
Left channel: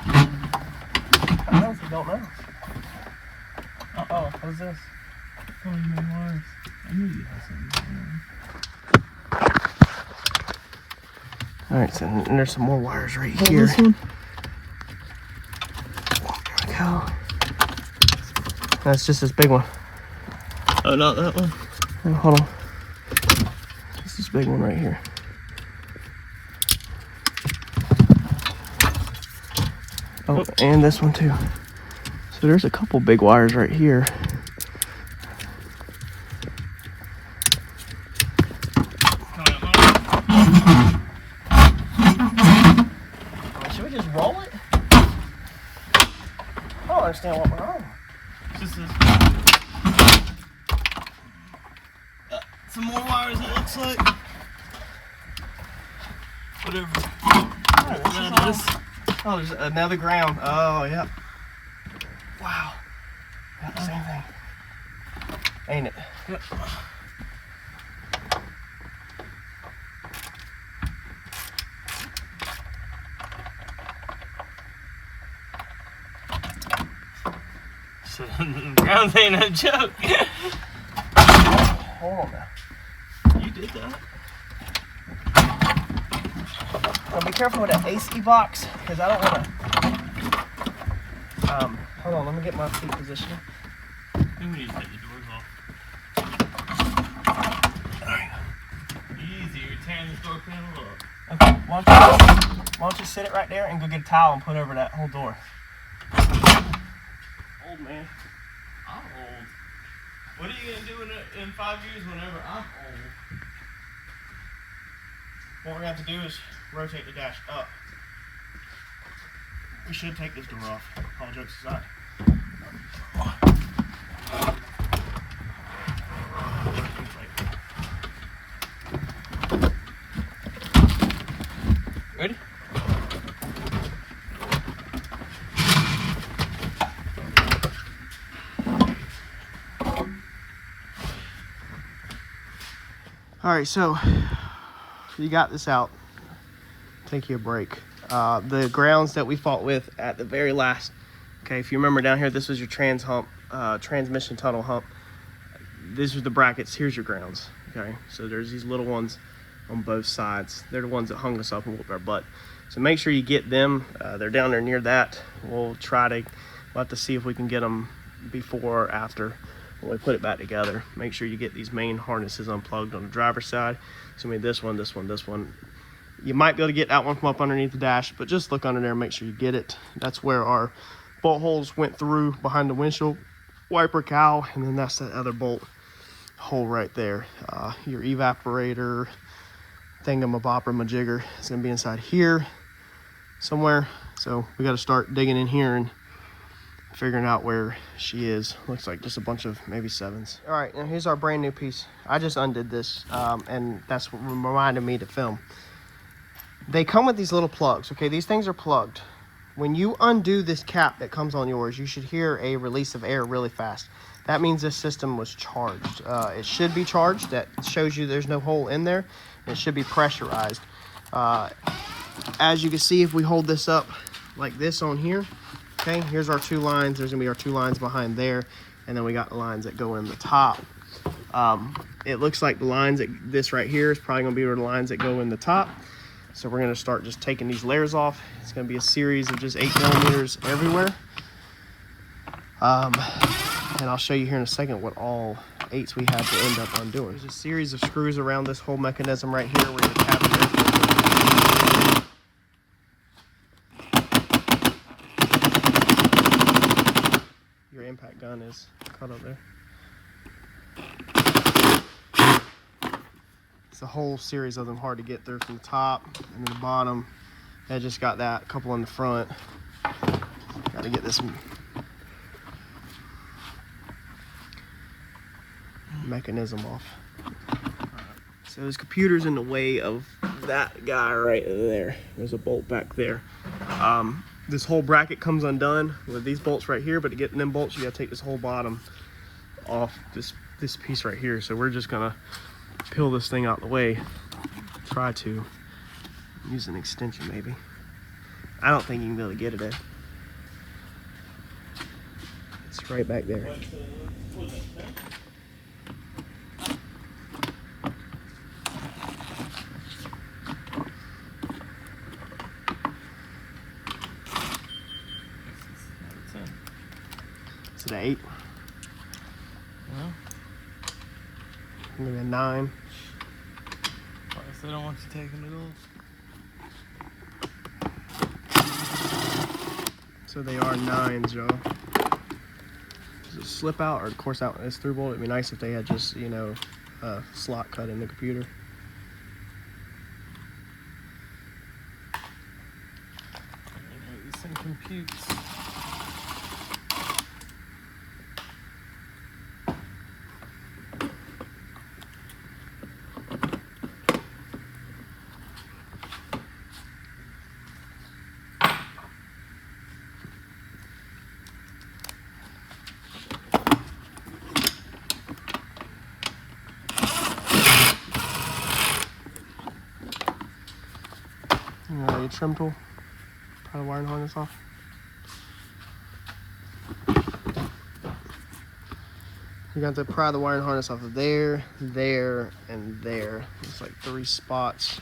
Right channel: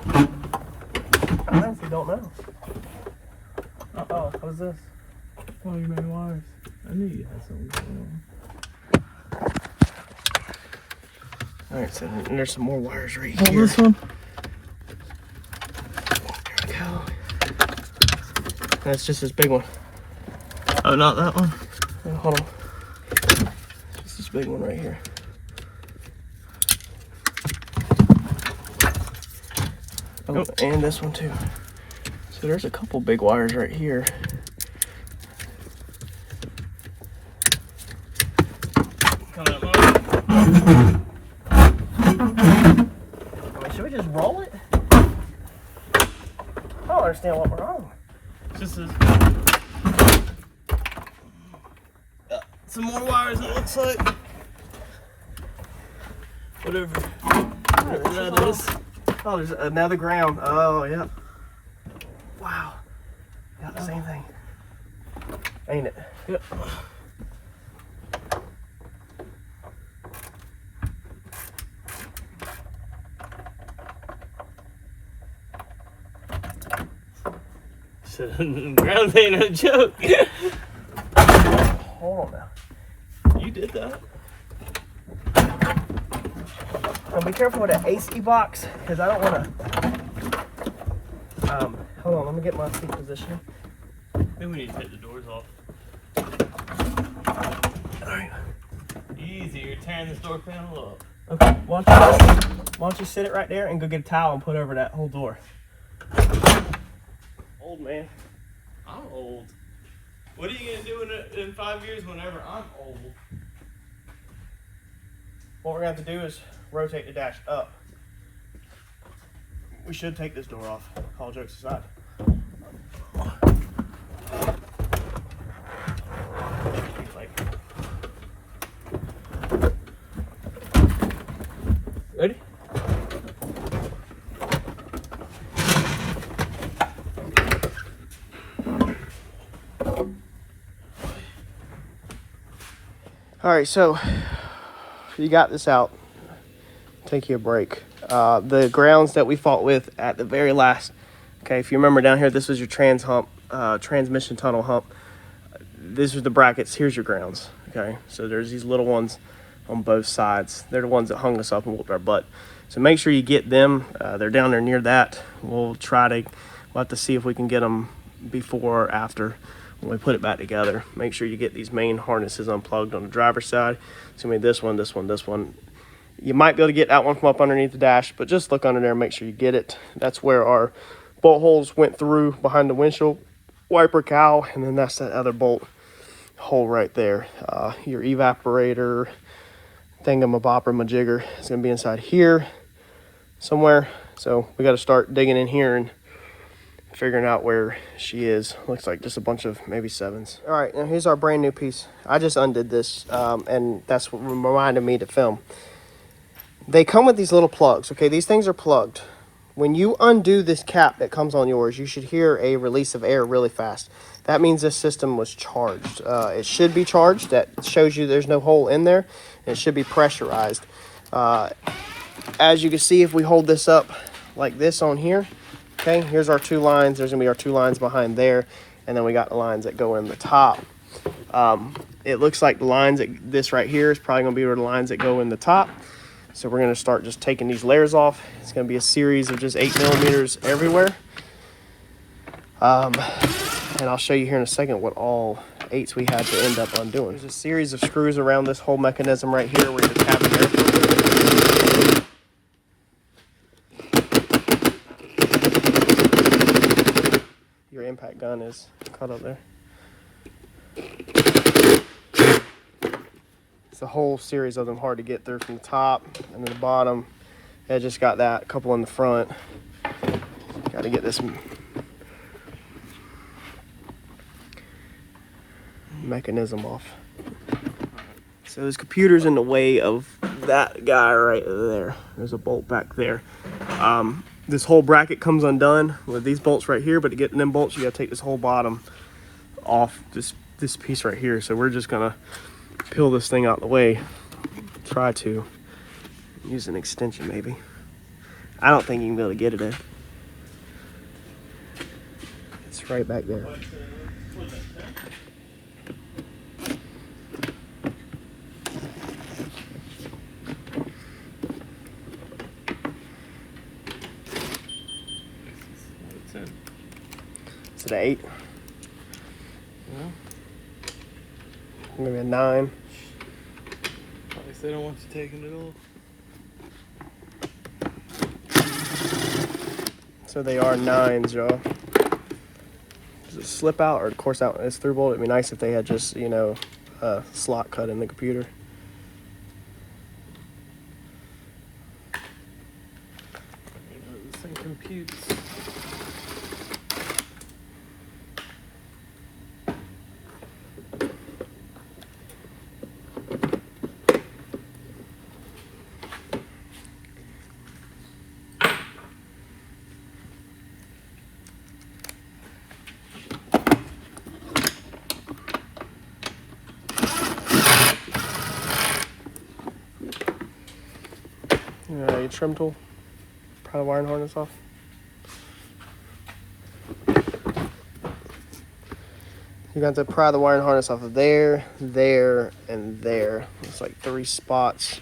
I honestly don't know. What's this? Oh, you know wires. I knew you had something. All right, so and there's some more wires right here. This one? There we go. That's just this big one. Oh, not that one. Oh, hold on. Just this big one right here. Oh, and this one too. So there's a couple big wires right here. Should we just roll it? I don't understand what we're on. Just this. Some more wires, it looks like. Whatever that is. Oh, there's another ground. Oh, yep. Wow. Got the same thing. Ain't it? Yep. So, ground ain't no joke. Hold on now. You did that. Now be careful with that AC box, because I don't want to. Hold on, let me get my seat position. Maybe we need to take the doors off. Alright. Easy, you're tearing this door panel up. Okay, why don't you sit it right there and go get a towel and put over that whole door. Old man. I'm old. What are you gonna do in 5 years whenever I'm old? What we're going to have to do is rotate the dash up. We should take this door off, all jokes aside. Ready? All right, so you got this out, take you a break. The grounds that we fought with at the very last, okay, if you remember down here, this was your transmission tunnel hump. These are the brackets, here's your grounds, okay? So there's these little ones on both sides. They're the ones that hung us up and whooped our butt. So make sure you get them. They're down there near that. We'll have to see if we can get them before or after when we put it back together. Make sure you get these main harnesses unplugged on the driver's side. So I mean this one, this one, this one. You might be able to get that one from up underneath the dash, but just look under there and make sure you get it. That's where our bolt holes went through behind the windshield wiper cowl, and then that's that other bolt hole right there. Your evaporator thingamabopper-majigger is going to be inside here somewhere. So we got to start digging in here and figuring out where she is. Looks like just a bunch of maybe 7s. All right, now here's our brand new piece. I just undid this, and that's what reminded me to film. They come with these little plugs, okay? These things are plugged. When you undo this cap that comes on yours, you should hear a release of air really fast. That means this system was charged. It should be charged. That shows you there's no hole in there. And it should be pressurized. As you can see, if we hold this up like this on here, okay, here's our 2 lines. There's gonna be our 2 lines behind there. And then we got the lines that go in the top. It looks like the lines, this right here is probably gonna be the lines that go in the top. So we're gonna start just taking these layers off. It's gonna be a series of just 8mm everywhere. And I'll show you here in a second what all 8s we had to end up undoing. There's a series of screws around this whole mechanism right here where you're tapping air. Your impact gun is caught up there. It's a whole series of them, hard to get through from the top and the bottom. I just got that, a couple in the front. Got to get this mechanism off. So this computer's in the way of that guy right there. There's a bolt back there. This whole bracket comes undone with these bolts right here, but to get them bolts, you gotta take this whole bottom off this piece right here. So we're just gonna peel this thing out the way. Try to use an extension maybe. I don't think you can be able to get it in. It's right back there. Is it an 8? Yeah. Maybe a 9. Like they don't want you taking it off. So they are 9s, y'all. Does it slip out, or of course out it's through bolt? It'd be nice if they had just, you know, a slot cut in the computer. This thing computes. Your trim tool. Pry the wiring harness off. You're going to have to pry the wiring harness off of there, there, and there. It's like 3 spots.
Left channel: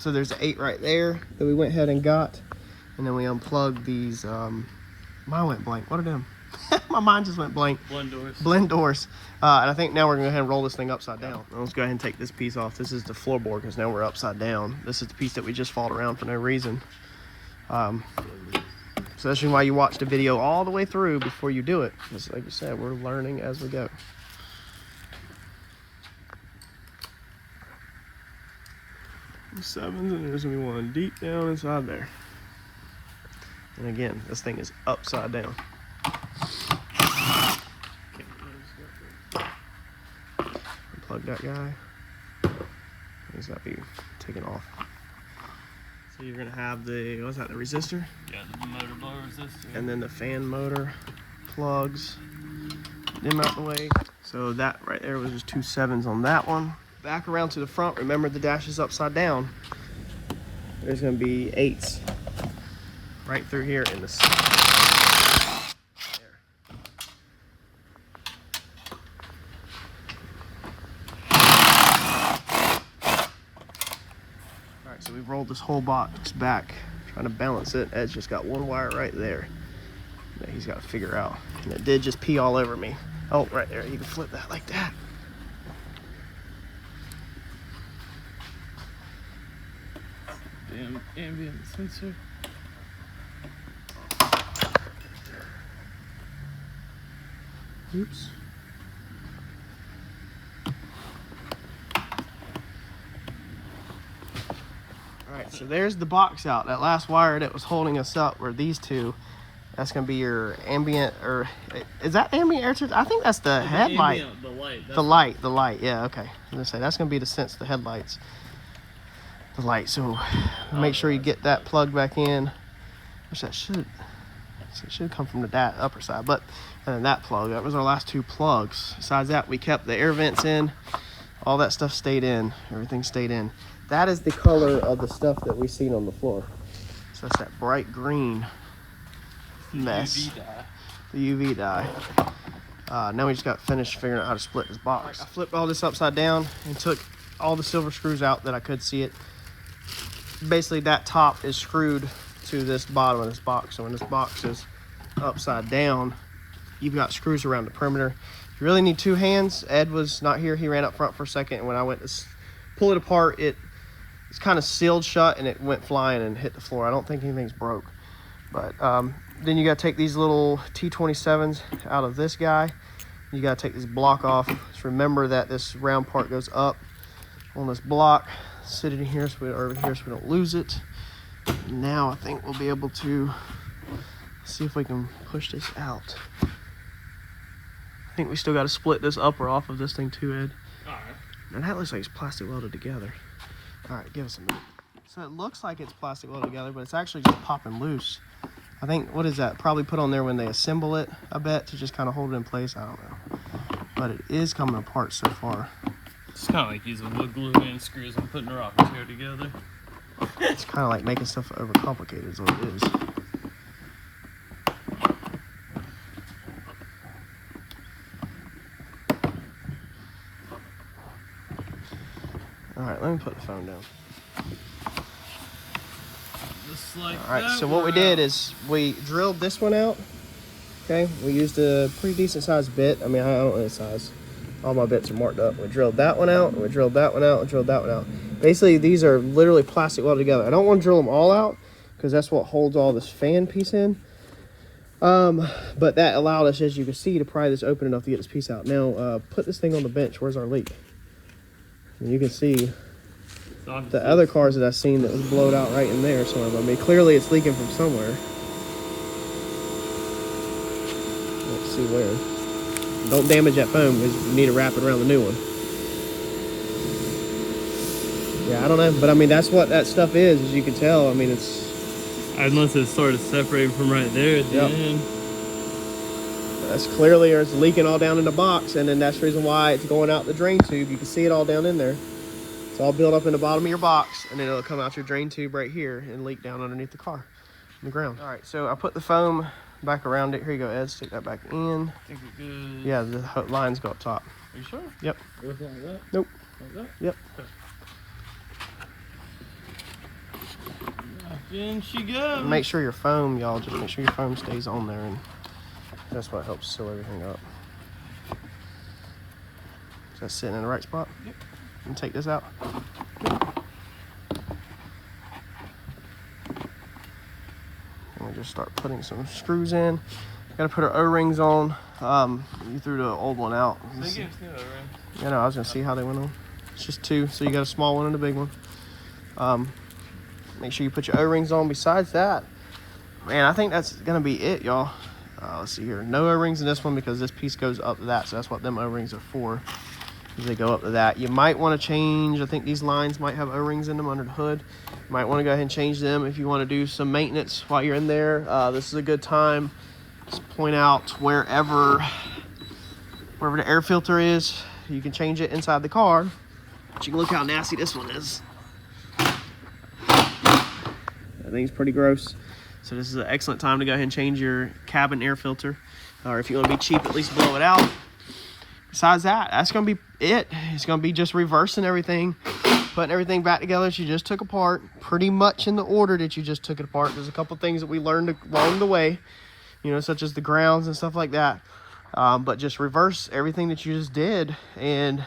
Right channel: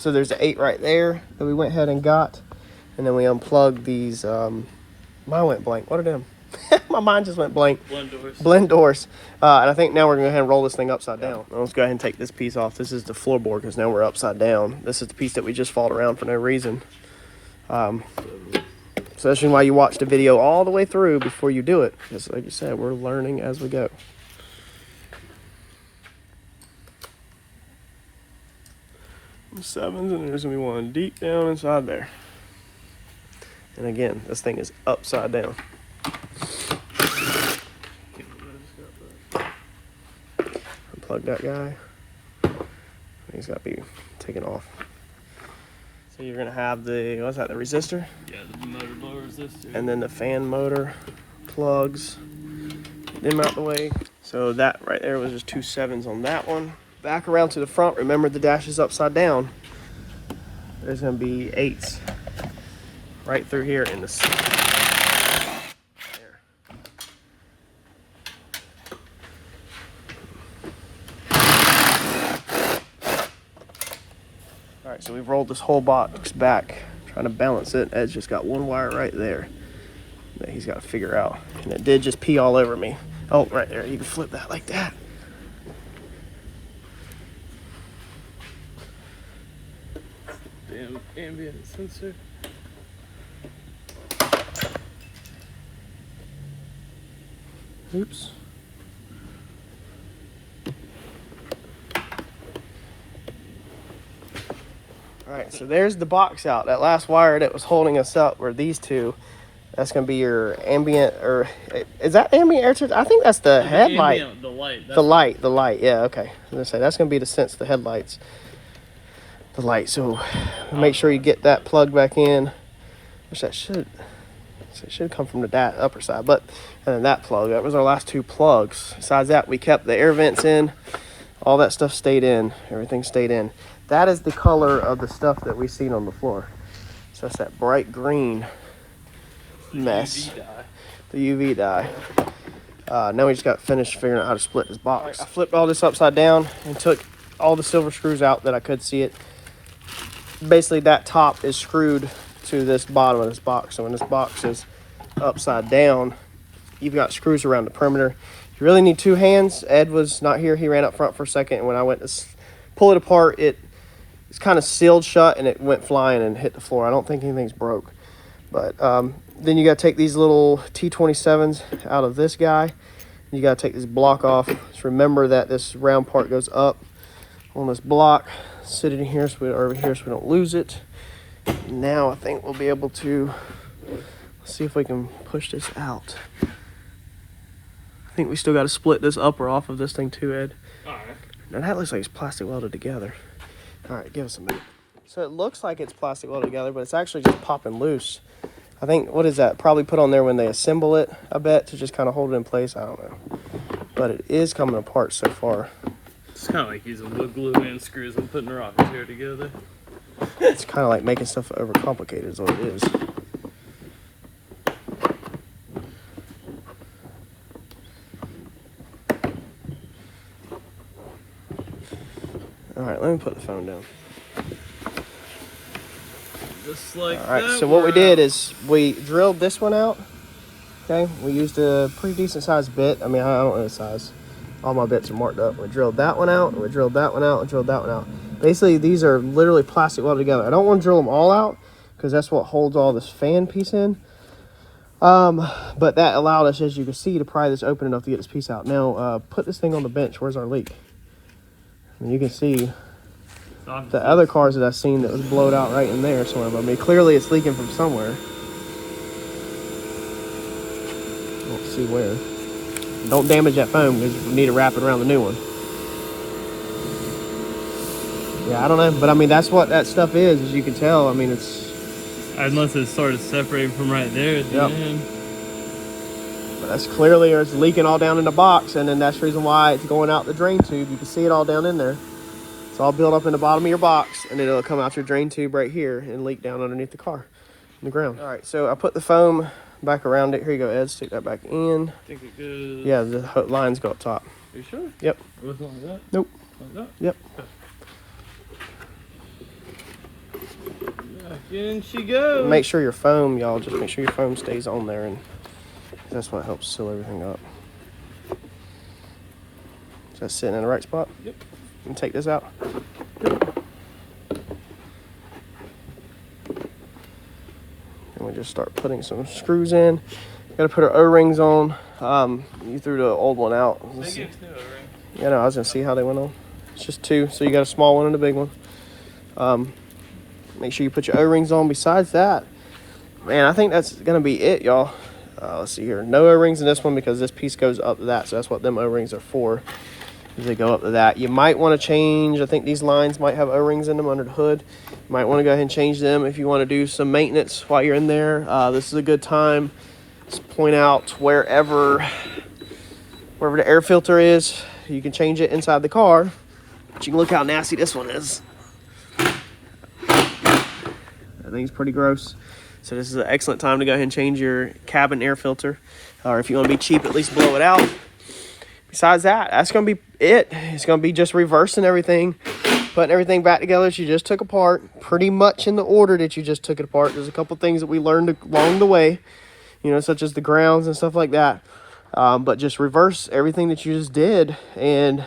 So there's an 8 right there that we went ahead and got, and then we unplugged these. Mine went blank. What are them? My mind just went blank. Blend doors. And I think now we're going to go ahead and roll this thing upside down. Let's go ahead and take this piece off. This is the floorboard because now we're upside down. This is the piece that we just fought around for no reason. So that's why you watch the video all the way through before you do it. Because like you said, we're learning as we go. Sevens, and there's gonna be one deep down inside there. And again, this thing is upside down. Unplug that guy. He's got to be taken off. So you're gonna have the, what's that, the resistor? Yeah, the motor blower resistor. And then the fan motor plugs. Get them out the way. So that right there was just 2 7s on that one. Back around to the front, remember the dash is upside down. There's gonna be 8s right through here in the center. All right, so we've rolled this whole box back, trying to balance it. Ed's just got one wire right there that he's got to figure out. And it did just pee all over me. Oh, right there, you can flip that like that. The ambient sensor. Oops. All right, so there's the box out. That last wire that was holding us up were these two. That's gonna be your ambient, or is that ambient air temperature? I think that's the headlight. Ambient, The light. Yeah, okay. I was gonna say that's gonna be to sense the headlights. The light. So make sure you get that plug back in. Which that should. So it should come from the upper side, but and then that plug. That was our last 2 plugs. Besides that, we kept the air vents in. All that stuff stayed in. Everything stayed in. That is the color of the stuff that we've seen on the floor. So that's that bright green mess. The UV dye. Now we just got finished figuring out how to split this box. I flipped all this upside down and took all the silver screws out that I could see it. Basically, that top is screwed to this bottom of this box. So when this box is upside down, you've got screws around the perimeter. You really need 2 hands. Ed was not here. He ran up front for a second. And when I went to pull it apart, it's kind of sealed shut and it went flying and hit the floor. I don't think anything's broke. But then you got to take these little T27s out of this guy. You got to take this block off. Just remember that this round part goes up on this block. Sit it in here over here so we don't lose it. Now I think we'll be able to see if we can push this out. I think we still got to split this upper off of this thing too, Ed. Alright. Now that looks like it's plastic welded together. All right, give us a minute. So it looks like it's plastic welded together, but it's actually just popping loose. I think, what is that? Probably put on there when they assemble it, I bet, to just kind of hold it in place. I don't know. But it is coming apart so far. It's kind of like using wood glue and screws and putting a rocket chair together. It's kind of like making stuff overcomplicated is what it is. All right, let me put the phone down. Just like all right, that, so what we did out. is we drilled this one out. Okay, we used a pretty decent sized bit. I mean, I don't know the size. All my bits are marked up. We drilled that one out, and we drilled that one out, and drilled that one out. Basically, these are literally plastic welded together. I don't want to drill them all out because that's what holds all this fan piece in. But that allowed us, as you can see, to pry this open enough to get this piece out. Now, put this thing on the bench. Where's our leak? And you can see the other cars that I've seen that was blowed out right in there somewhere. But I mean, clearly it's leaking from somewhere. Let's see where. Don't damage that foam because we need to wrap it around the new one. Yeah, I don't know, but I mean, that's what that stuff is, as you can tell. I mean, it's... Unless it started separating from right there at the end. But that's clearly, or it's leaking all down in the box, and then that's the reason why it's going out the drain tube. You can see it all down in there. It's all built up in the bottom of your box, and then it'll come out your drain tube right here and leak down underneath the car, in the ground. All right, so I put the foam back around it. Here you go, Ed. Stick that back in. I think it goes... Yeah, the lines go up top. Are you sure? Yep. Which one was that? Nope. Like that? Yep. In she goes. Make sure your foam, y'all, just make sure your foam stays on there, and that's what helps seal everything up. Is that sitting in the right spot? Yep. And take this out. And we just start putting some screws in. Gotta put our O-rings on. You threw the old one out. Yeah, no, I was gonna see how they went on. It's just 2, so you got a small one and a big one. Make sure you put your O-rings on. Besides that, Man, I think that's gonna be it, y'all. Let's see here. No O-rings in this one because this piece goes up to that, so that's what them O-rings are for. They go up to that. You might want to change, I think these lines might have O-rings in them under the hood. You might want to go ahead and change them if you want to do some maintenance while you're in there. This is a good time to point out wherever the air filter is. You can change it inside the car, but you can look how nasty this one is. I think it's pretty gross. So this is an excellent time to go ahead and change your cabin air filter, or if you want to be cheap, at least blow it out. Besides that, that's going to be it. It's going to be just reversing everything, putting everything back together that you just took apart, pretty much in the order that you just took it apart. There's a couple things that we learned along the way, you know, such as the grounds and stuff like that. But just reverse everything that you just did, and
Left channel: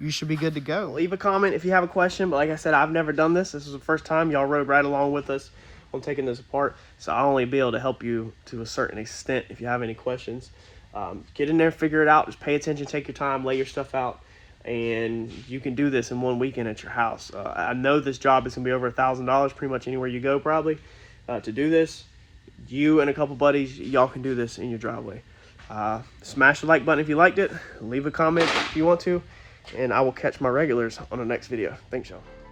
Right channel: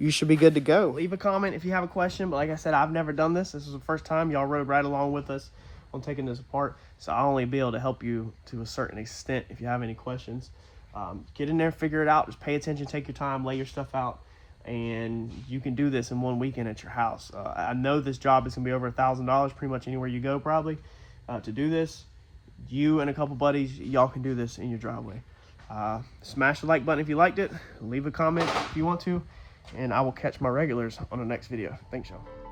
you should be good to go. Leave a comment if you have a question, but like I said, I've never done this. This is the first time. Y'all rode right along with us on taking this apart, so I'll only be able to help you to a certain extent if you have any questions. Get in there, figure it out, just pay attention, take your time, lay your stuff out, and you can do this in one weekend at your house. I know this job is gonna be over $1,000 pretty much anywhere you go probably to do this. You and a couple buddies, y'all can do this in your driveway. Smash the like button if you liked it, leave a comment if you want to, and I will catch my regulars on the next video. Thanks, y'all.